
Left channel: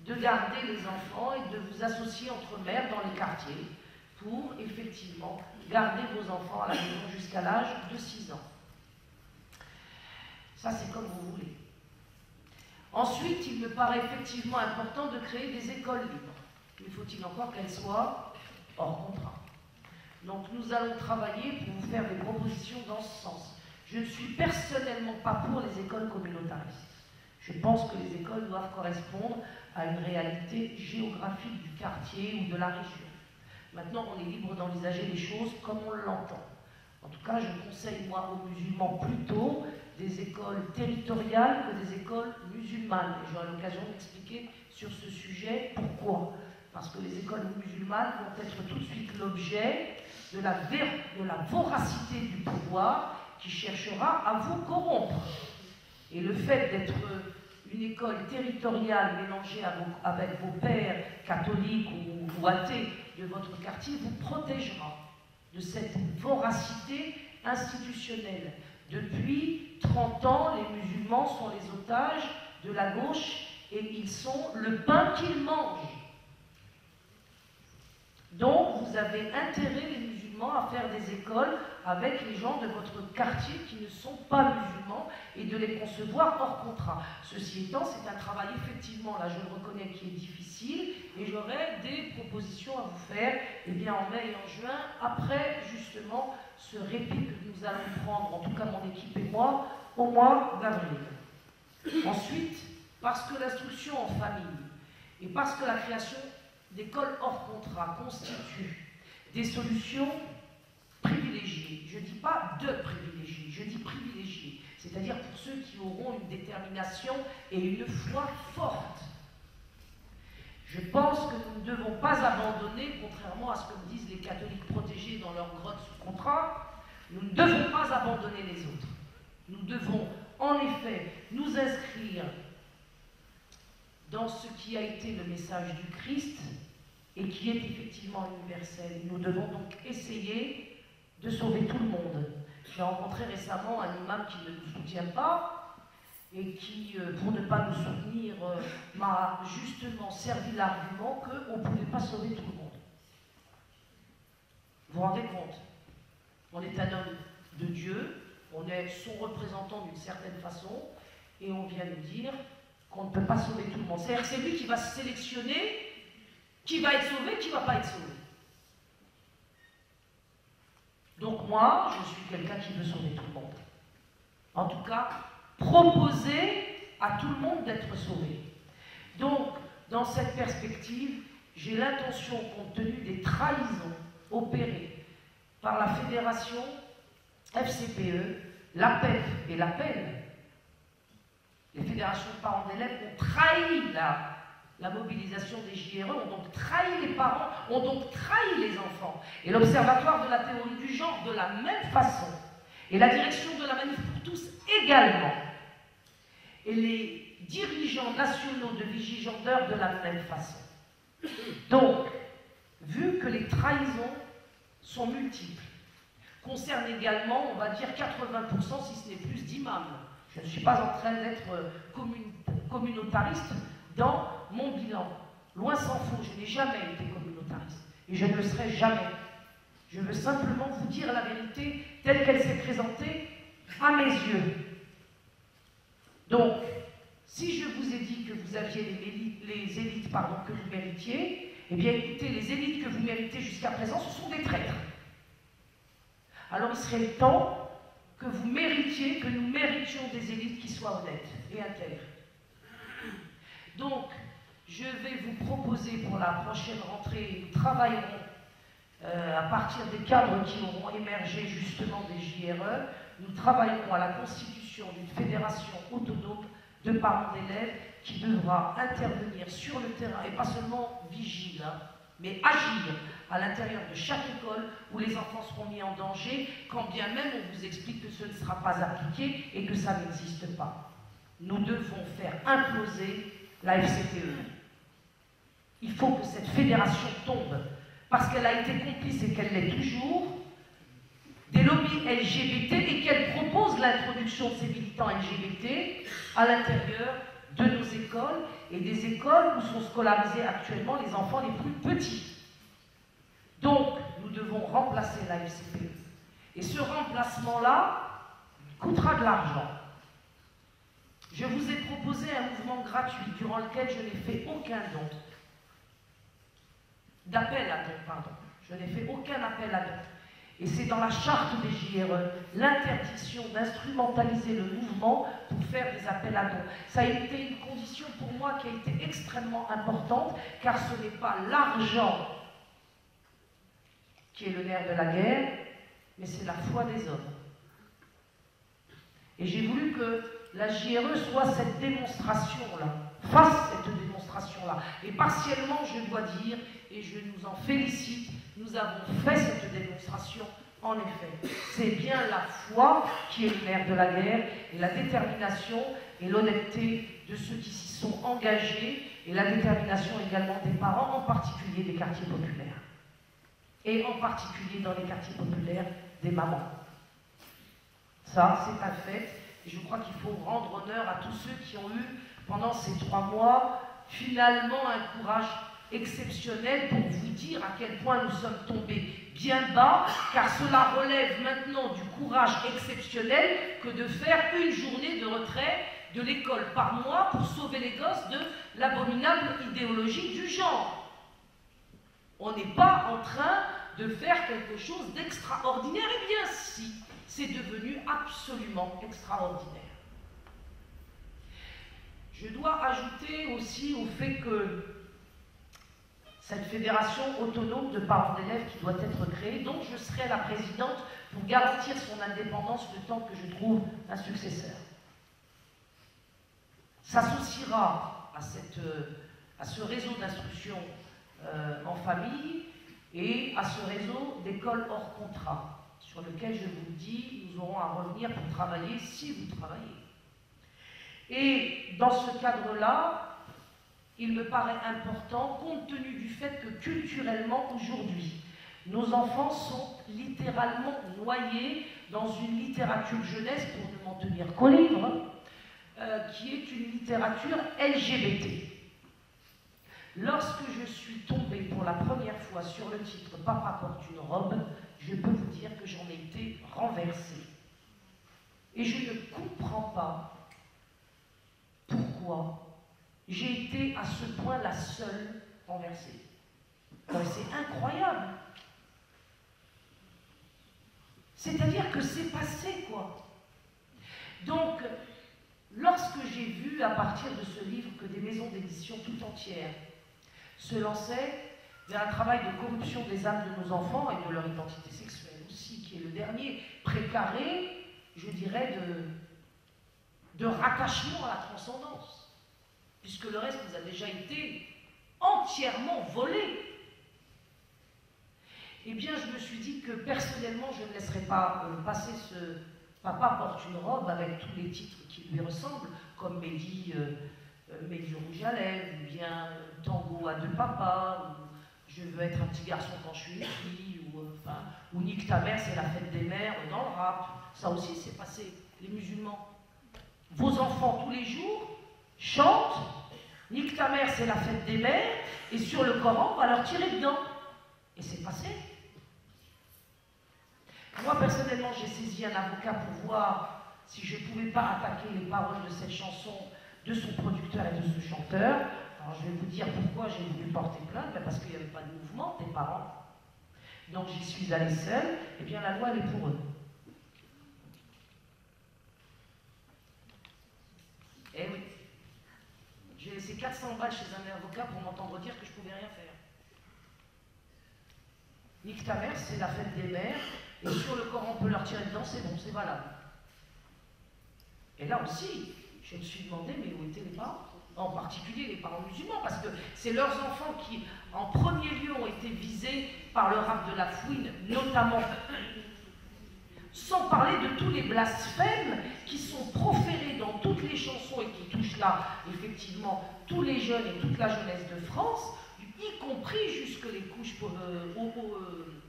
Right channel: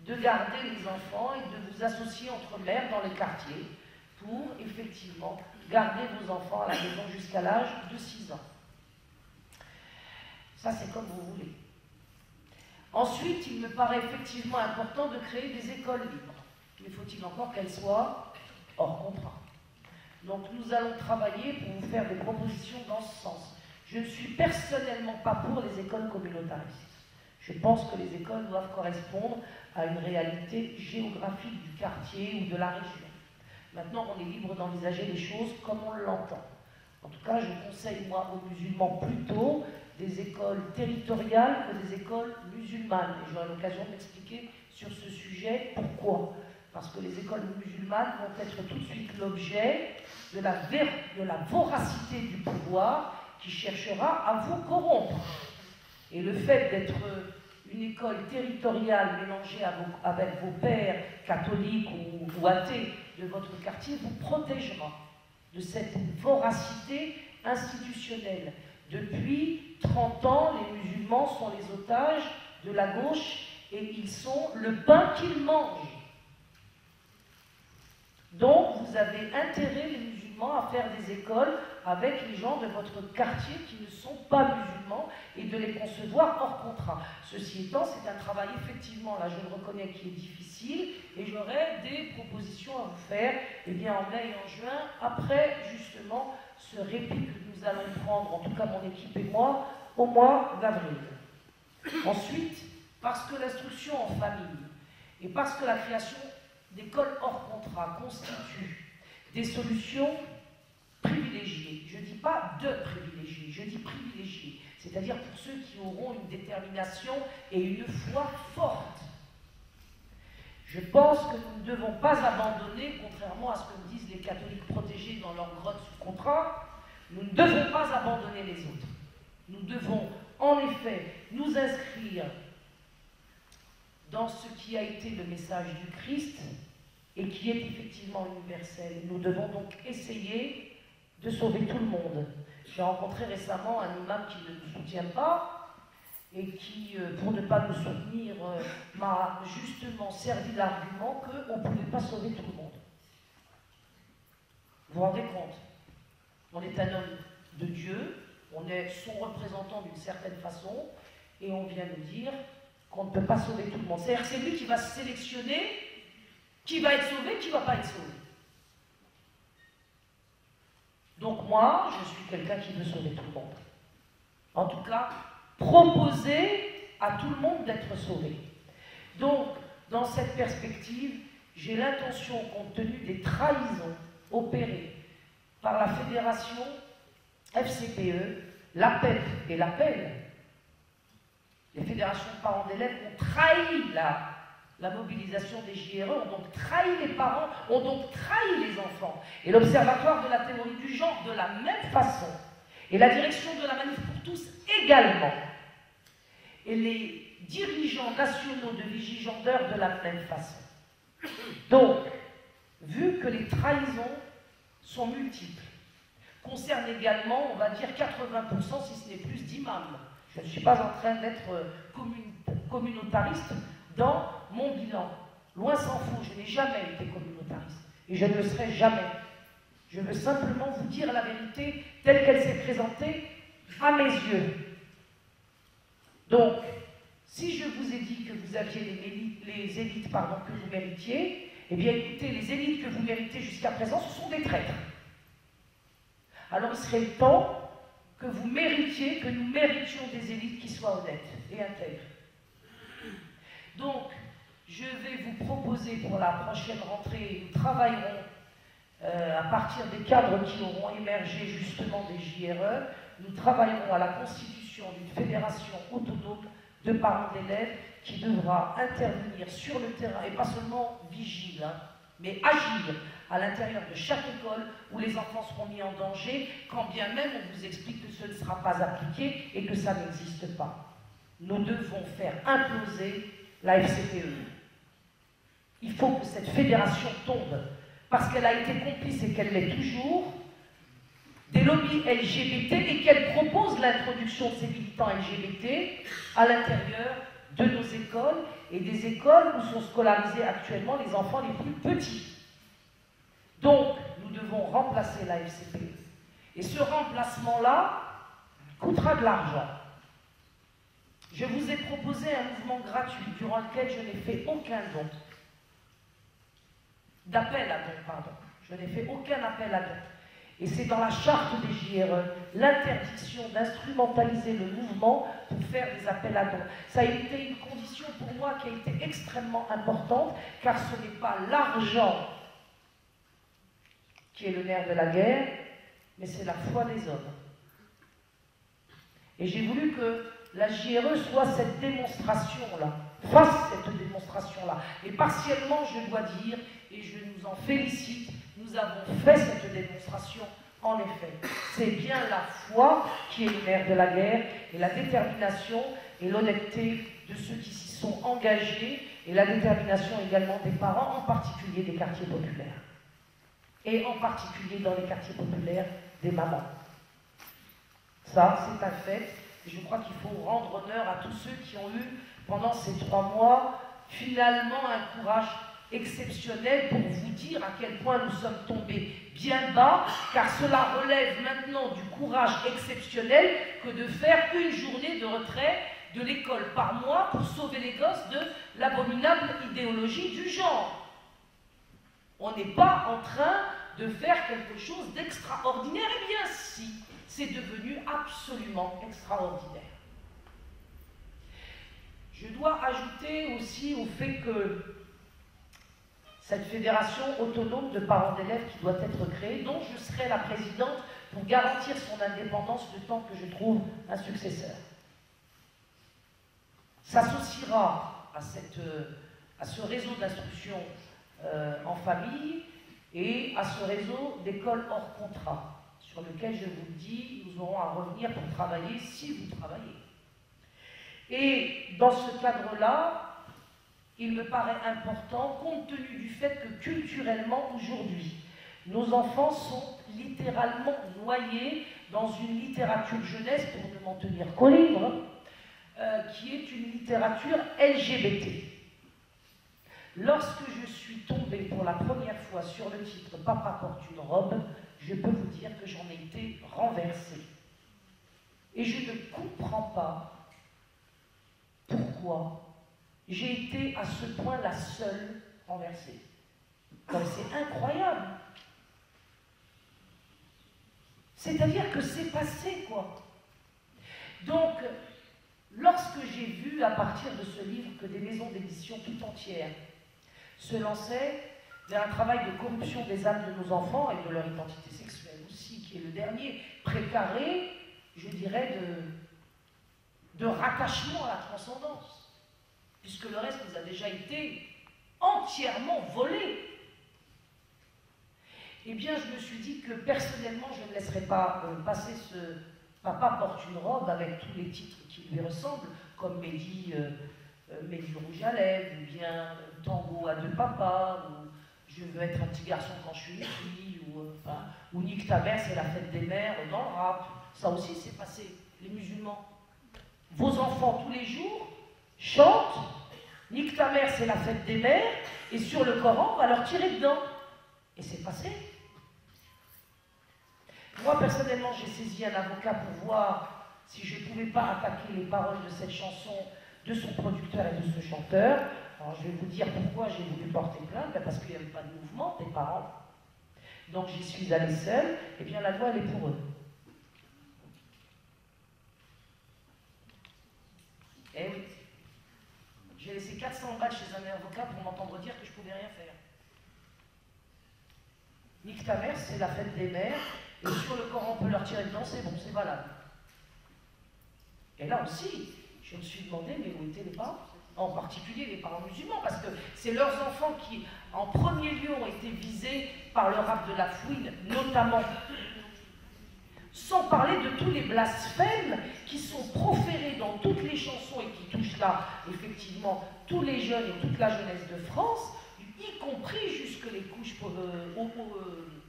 de garder les enfants et de vous associer entre mères dans les quartiers pour effectivement garder vos enfants à la maison jusqu'à l'âge de 6 ans. Ça, c'est comme vous voulez. Ensuite, il me paraît effectivement important de créer des écoles libres. Mais faut-il encore qu'elles soient hors contrat. Donc nous allons travailler pour vous faire des propositions dans ce sens. Je ne suis personnellement pas pour les écoles communautaristes. Je pense que les écoles doivent correspondre à une réalité géographique du quartier ou de la région. Maintenant, on est libre d'envisager les choses comme on l'entend. En tout cas, je conseille, moi, aux musulmans plutôt des écoles territoriales que des écoles musulmanes. Et j'aurai l'occasion d'expliquer sur ce sujet pourquoi. Parce que les écoles musulmanes vont être tout de suite l'objet de la voracité du pouvoir qui cherchera à vous corrompre. Et le fait d'être une école territoriale mélangée avec vos pères catholiques ou athées de votre quartier vous protégera de cette voracité institutionnelle. Depuis 30 ans, les musulmans sont les otages de la gauche et ils sont le pain qu'ils mangent. Donc, vous avez intérêt, les musulmans, à faire des écoles avec les gens de votre quartier qui ne sont pas musulmans et de les concevoir hors contrat. Ceci étant, c'est un travail effectivement, là je le reconnais, qui est difficile et j'aurai des propositions à vous faire en mai et en juin, après justement ce répit que nous allons prendre, en tout cas mon équipe et moi, au mois d'avril. Ensuite, parce que l'instruction en famille et parce que la création d'écoles hors contrat constituent des solutions privilégiées. Je ne dis pas de privilégiés, je dis privilégiés. C'est-à-dire pour ceux qui auront une détermination et une foi forte. Je pense que nous ne devons pas abandonner, contrairement à ce que disent les catholiques protégés dans leur grotte sous contrat, nous ne devons pas abandonner les autres. Nous devons en effet nous inscrire dans ce qui a été le message du Christ et qui est effectivement universel. Nous devons donc essayer de sauver tout le monde. J'ai rencontré récemment un imam qui ne nous soutient pas et qui, pour ne pas nous soutenir, m'a justement servi l'argument qu'on ne pouvait pas sauver tout le monde. Vous vous rendez compte? On est un homme de Dieu, on est son représentant d'une certaine façon, et on vient nous dire qu'on ne peut pas sauver tout le monde. C'est-à-dire que c'est lui qui va sélectionner qui va être sauvé, qui ne va pas être sauvé. Donc moi, je suis quelqu'un qui veut sauver tout le monde. En tout cas, proposer à tout le monde d'être sauvé. Donc, dans cette perspective, j'ai l'intention, compte tenu des trahisons opérées par la fédération FCPE, l'APEP et l'APEL, les fédérations de parents d'élèves ont trahi la mobilisation des JRE, ont donc trahi les parents, ont donc trahi les enfants. Et l'Observatoire de la théorie du genre de la même façon. Et la direction de la Manif pour tous également. Et les dirigeants nationaux de Vigigendeur de la même façon. Donc, vu que les trahisons sont multiples, concernent également, on va dire, 80%, si ce n'est plus, d'imams. Je ne suis pas en train d'être communautariste dans mon bilan. Loin s'en faut, je n'ai jamais été communautariste. Et je ne le serai jamais. Je veux simplement vous dire la vérité telle qu'elle s'est présentée à mes yeux. Donc, si je vous ai dit que vous aviez les élites que vous méritiez, eh bien écoutez, les élites que vous méritez jusqu'à présent, ce sont des traîtres. Alors il serait temps que vous méritiez, que nous méritions des élites qui soient honnêtes et intègres. Donc, je vais vous proposer pour la prochaine rentrée, nous travaillerons à partir des cadres qui auront émergé justement des JRE, nous travaillerons à la constitution d'une fédération autonome de parents d'élèves qui devra intervenir sur le terrain, et pas seulement vigile, mais agir à l'intérieur de chaque école où les enfants seront mis en danger, quand bien même on vous explique que ce ne sera pas appliqué et que ça n'existe pas. Nous devons faire imploser la FCPE. Il faut que cette fédération tombe, parce qu'elle a été complice et qu'elle l'est toujours, des lobbies LGBT et qu'elle propose l'introduction de ces militants LGBT à l'intérieur de nos écoles et des écoles où sont scolarisés actuellement les enfants les plus petits. Donc, nous devons remplacer la FCPE. Et ce remplacement-là coûtera de l'argent. Je vous ai proposé un mouvement gratuit durant lequel je n'ai fait aucun don. D'appel à don, pardon. Je n'ai fait aucun appel à don. Et c'est dans la charte des JRE, l'interdiction d'instrumentaliser le mouvement pour faire des appels à dons. Ça a été une condition pour moi qui a été extrêmement importante, car ce n'est pas l'argent qui est le nerf de la guerre, mais c'est la foi des hommes. Et j'ai voulu que la JRE soit cette démonstration-là, fasse cette démonstration-là. Et partiellement, je dois dire, et je nous en félicite, nous avons fait cette démonstration, en effet. C'est bien la foi qui est le nerf de la guerre, et la détermination et l'honnêteté de ceux qui s'y sont engagés, et la détermination également des parents, en particulier des quartiers populaires. Et en particulier dans les quartiers populaires des mamans. Ça, c'est un fait. Et je crois qu'il faut rendre honneur à tous ceux qui ont eu, pendant ces 3 mois, finalement un courage exceptionnel pour vous dire à quel point nous sommes tombés bien bas, car cela relève maintenant du courage exceptionnel que de faire une journée de retrait de l'école par mois pour sauver les gosses de l'abominable idéologie du genre. On n'est pas en train de faire quelque chose d'extraordinaire, et bien si, c'est devenu absolument extraordinaire. Je dois ajouter aussi au fait que cette fédération autonome de parents d'élèves qui doit être créée, dont je serai la présidente pour garantir son indépendance le temps que je trouve un successeur, s'associera à ce réseau d'instruction en famille et à ce réseau d'écoles hors contrat, sur lequel, je vous le dis, nous aurons à revenir pour travailler si vous travaillez. Et dans ce cadre-là, il me paraît important, compte tenu du fait que culturellement, aujourd'hui, nos enfants sont littéralement noyés dans une littérature jeunesse, pour ne m'en tenir qu'au livre, qui est une littérature LGBT. Lorsque je suis tombée pour la première fois sur le titre « Papa porte une robe », je peux vous dire que j'en ai été renversée. Et je ne comprends pas pourquoi j'ai été à ce point la seule renversée. C'est incroyable. C'est-à-dire que c'est passé, quoi. Donc, lorsque j'ai vu à partir de ce livre que des maisons d'édition tout entières se lançaient vers un travail de corruption des âmes de nos enfants et de leur identité sexuelle aussi, qui est le dernier précaré, je dirais, de rattachement à la transcendance, puisque le reste nous a déjà été entièrement volé. Eh bien, je me suis dit que personnellement, je ne laisserais pas passer ce Papa porte une robe avec tous les titres qui lui ressemblent, comme Mehdi Rouge à lèvres, ou bien Tango à 2 papas, ou Je veux être un petit garçon quand je suis une fille, ou Nique ta mère, c'est la fête des mères dans le rap. Ça aussi, c'est passé, les musulmans. Vos enfants, tous les jours, chantent Nique ta mère, c'est la fête des mères, et sur le Coran, on va leur tirer dedans. Et c'est passé. Moi, personnellement, j'ai saisi un avocat pour voir si je ne pouvais pas attaquer les paroles de cette chanson, de son producteur et de ce chanteur, Alors je vais vous dire pourquoi j'ai voulu porter plainte, ben parce qu'il n'y avait pas de mouvement des parents. Donc j'y suis allée seule, et bien la loi elle est pour eux. Eh oui. J'ai laissé 400 balles chez un avocat pour m'entendre dire que je ne pouvais rien faire. Nique ta mère, c'est la fête des mères, et sur le Coran on peut leur tirer dedans, c'est bon, c'est valable. Et là aussi, je me suis demandé, mais où étaient les parents? En particulier les parents musulmans, parce que c'est leurs enfants qui, en premier lieu, ont été visés par le rap de la fouine, notamment. Sans parler de tous les blasphèmes qui sont proférés dans toutes les chansons et qui touchent là, effectivement, tous les jeunes et toute la jeunesse de France, y compris jusque les couches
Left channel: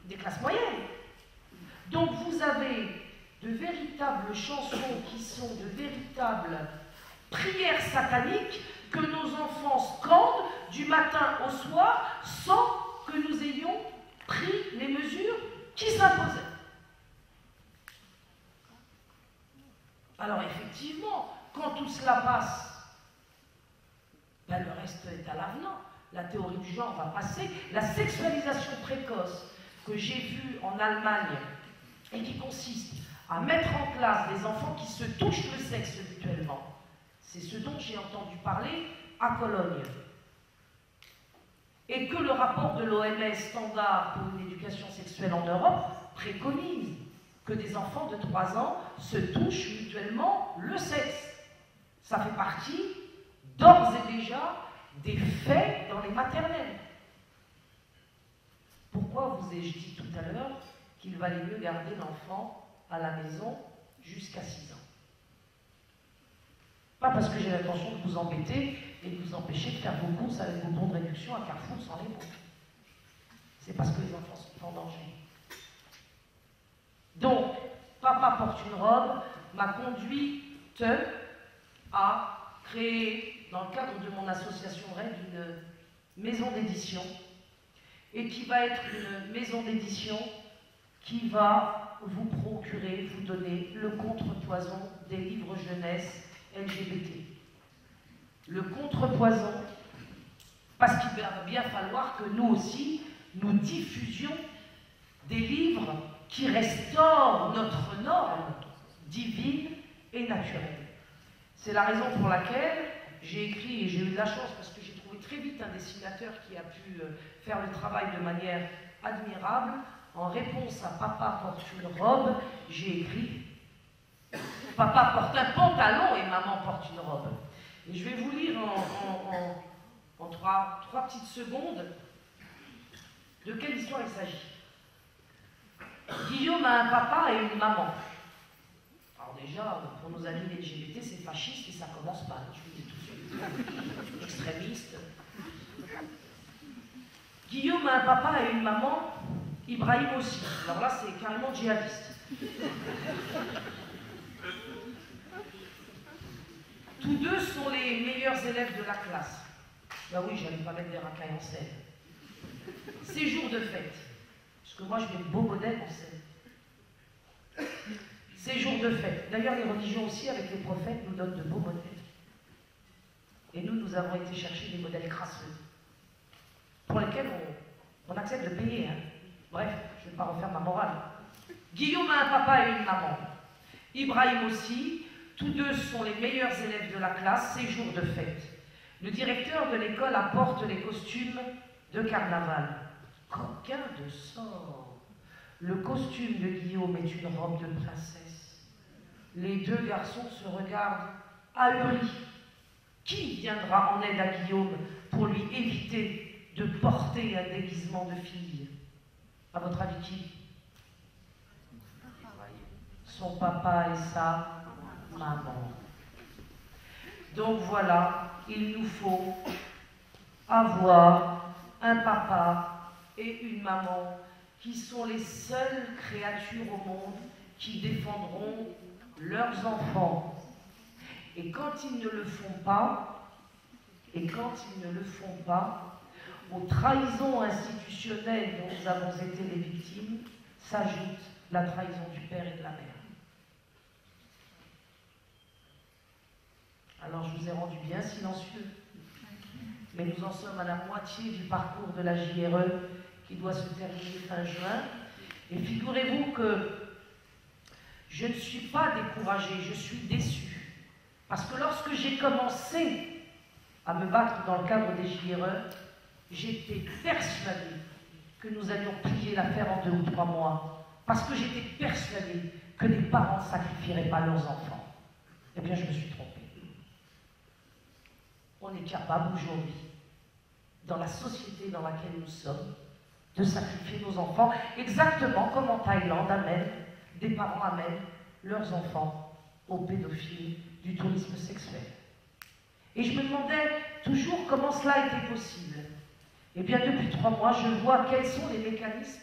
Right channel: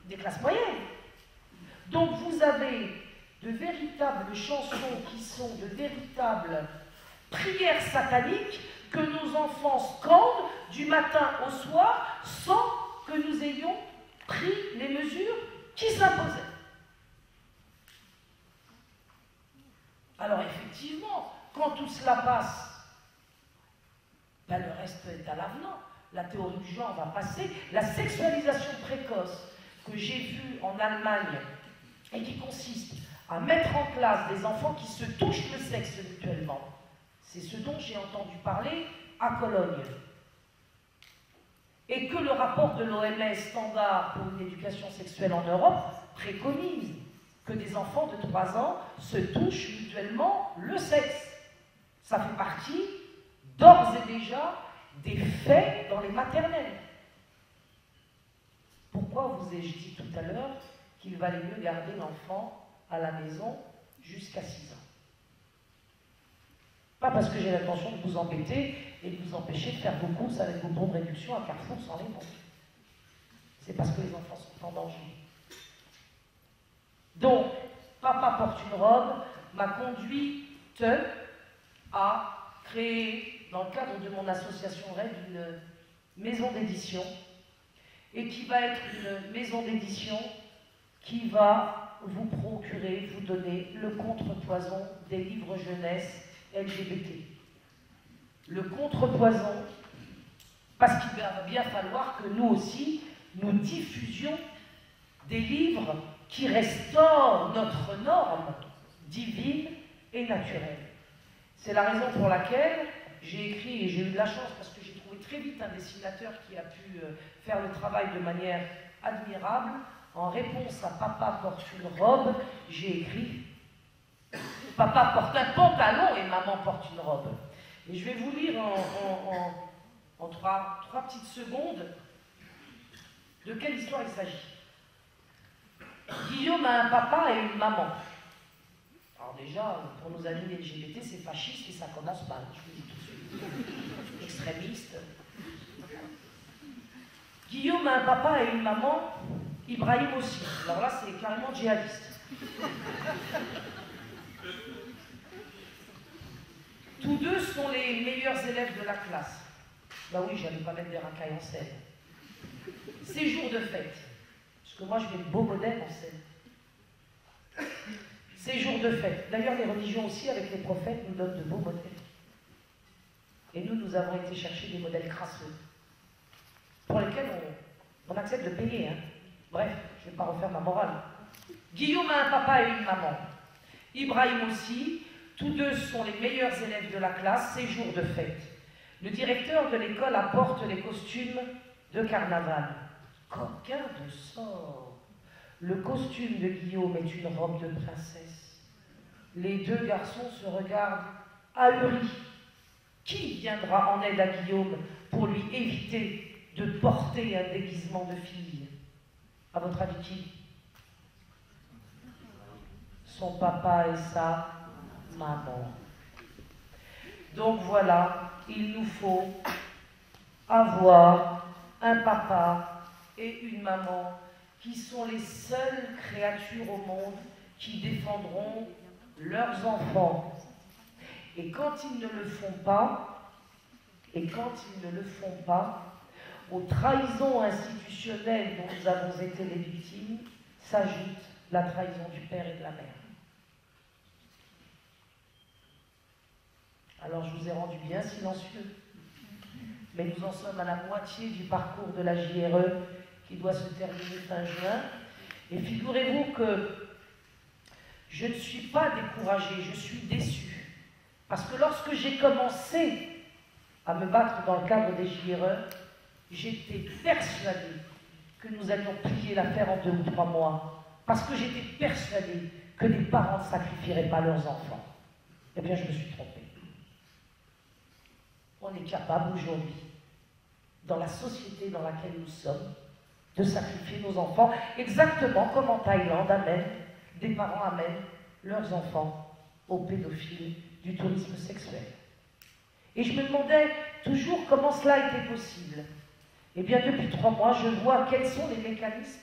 des classes moyennes. Donc vous avez de véritables chansons qui sont de véritables prières sataniques que nos enfants scandent du matin au soir sans que nous ayons pris les mesures qui s'imposaient. Alors effectivement, quand tout cela passe, ben le reste est à l'avenant. La théorie du genre va passer. La sexualisation précoce que j'ai vue en Allemagne et qui consiste à mettre en classe des enfants qui se touchent le sexe mutuellement, c'est ce dont j'ai entendu parler à Cologne. Et que le rapport de l'OMS standard pour une éducation sexuelle en Europe préconise que des enfants de 3 ans se touchent mutuellement le sexe. Ça fait partie, d'ores et déjà, des faits dans les maternelles. Pourquoi vous ai-je dit tout à l'heure qu'il valait mieux garder l'enfant à la maison jusqu'à 6 ans? Pas parce que j'ai l'intention de vous embêter et de vous empêcher de faire vos courses avec vos bons de réduction à Carrefour sans les bons. C'est parce que les enfants sont en danger. Donc, Papa porte une robe m'a conduite à créer, dans le cadre de mon association RED, une maison d'édition, et qui va être une maison d'édition qui va vous procurer, vous donner le contrepoison des livres jeunesse LGBT. Le contrepoison, parce qu'il va bien falloir que nous aussi, nous diffusions des livres qui restaurent notre norme divine et naturelle. C'est la raison pour laquelle j'ai écrit, et j'ai eu de la chance parce que j'ai trouvé très vite un dessinateur qui a pu faire le travail de manière admirable. En réponse à Papa porte une robe, j'ai écrit Papa porte un pantalon et Maman porte une robe. Et je vais vous lire en trois petites secondes de quelle histoire il s'agit. Guillaume a un papa et une maman. Alors déjà, pour nos amis LGBT, c'est fasciste et ça commence pas. Je vous dis tout de suite. Extrémiste. Guillaume a un papa et une maman, Ibrahim aussi. Alors là, c'est carrément djihadiste. Tous deux sont les meilleurs élèves de la classe. Ben oui, j'allais pas mettre des racailles en scène. C'est jour de fête. Parce que moi, je mets de beaux modèles en scène. C'est jour de fête. D'ailleurs, les religions aussi, avec les prophètes, nous donnent de beaux modèles. Et nous avons été chercher des modèles crasseux, pour lesquels on accepte de payer. Hein. Bref, je ne vais pas refaire ma morale. Guillaume a un papa et une maman. Ibrahim aussi. Tous deux sont les meilleurs élèves de la classe. C'est jour de fête. Le directeur de l'école apporte les costumes de carnaval. Coquin de sort. Le costume de Guillaume est une robe de princesse. Les deux garçons se regardent ahuris. Qui viendra en aide à Guillaume pour lui éviter de porter un déguisement de fille? À votre avis, qui? Son papa et sa maman. Donc voilà, il nous faut avoir un papa et une maman qui sont les seules créatures au monde qui défendront leurs enfants. Et quand ils ne le font pas, aux trahisons institutionnelles dont nous avons été les victimes, s'ajoute la trahison du père et de la mère. Alors je vous ai rendu bien silencieux, mais en sommes à la moitié du parcours de la JRE qui doit se terminer fin juin. Et figurez-vous que je ne suis pas découragée, je suis déçue. Parce que lorsque j'ai commencé à me battre dans le cadre des JRE, j'étais persuadée que nous allions plier l'affaire en 2 ou 3 mois. Parce que j'étais persuadée que les parents ne sacrifieraient pas leurs enfants. Eh bien, je me suis trompée. On est capable aujourd'hui, dans la société dans laquelle nous sommes, de sacrifier nos enfants, exactement comme en Thaïlande, des parents amènent leurs enfants aux pédophiles du tourisme sexuel. Et je me demandais toujours comment cela était possible. Eh bien, depuis 3 mois, je vois quels sont les mécanismes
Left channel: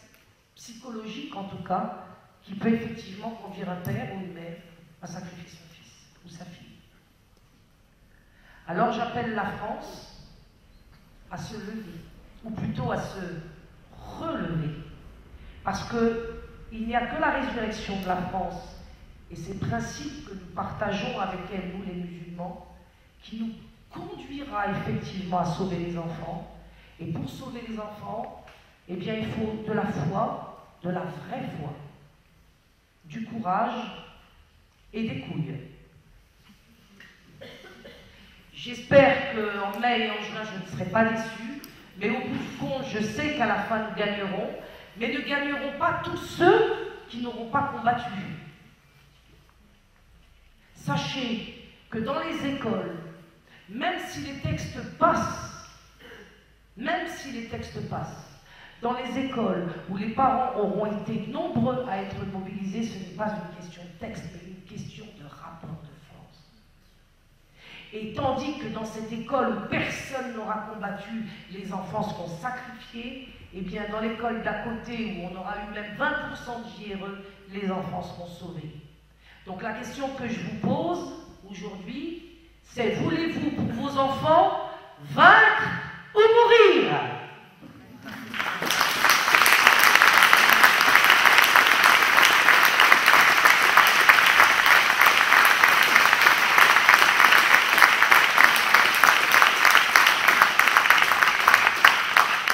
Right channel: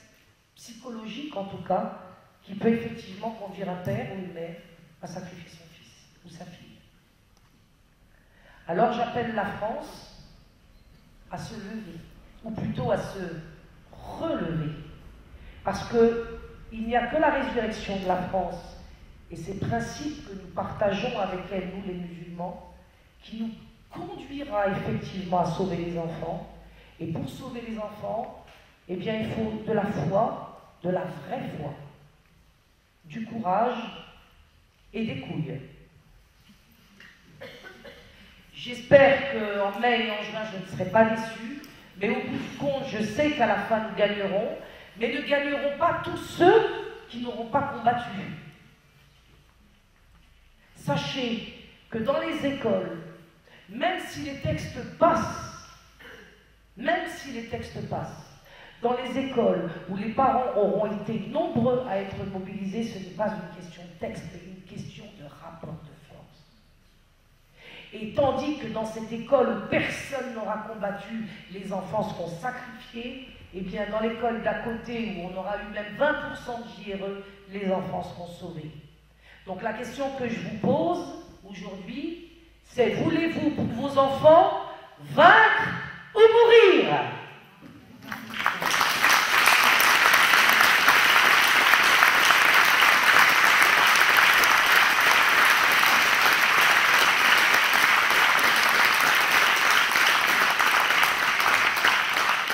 psychologiques, en tout cas, qui peuvent effectivement conduire un père ou une mère à sacrifier son fils ou sa fille. Alors j'appelle la France à se lever, ou plutôt à se relever, parce qu'il n'y a que la résurrection de la France et ces principes que nous partageons avec elle, nous les musulmans, qui nous conduira effectivement à sauver les enfants. Et pour sauver les enfants, eh bien il faut de la foi, de la vraie foi, du courage et des couilles. J'espère qu'en mai et en juin, je ne serai pas déçue, mais au bout du compte, je sais qu'à la fin, nous gagnerons, mais ne gagneront pas tous ceux qui n'auront pas combattu. Sachez que dans les écoles, même si les textes passent, dans les écoles où les parents auront été nombreux à être mobilisés, ce n'est pas une question de texte, mais une question de rapport de force. Et tandis que dans cette école où personne n'aura combattu, les enfants seront sacrifiés, et bien dans l'école d'à côté où on aura eu même 20% de JRE, les enfants seront sauvés. Donc la question que je vous pose aujourd'hui, c'est voulez-vous pour vos enfants vaincre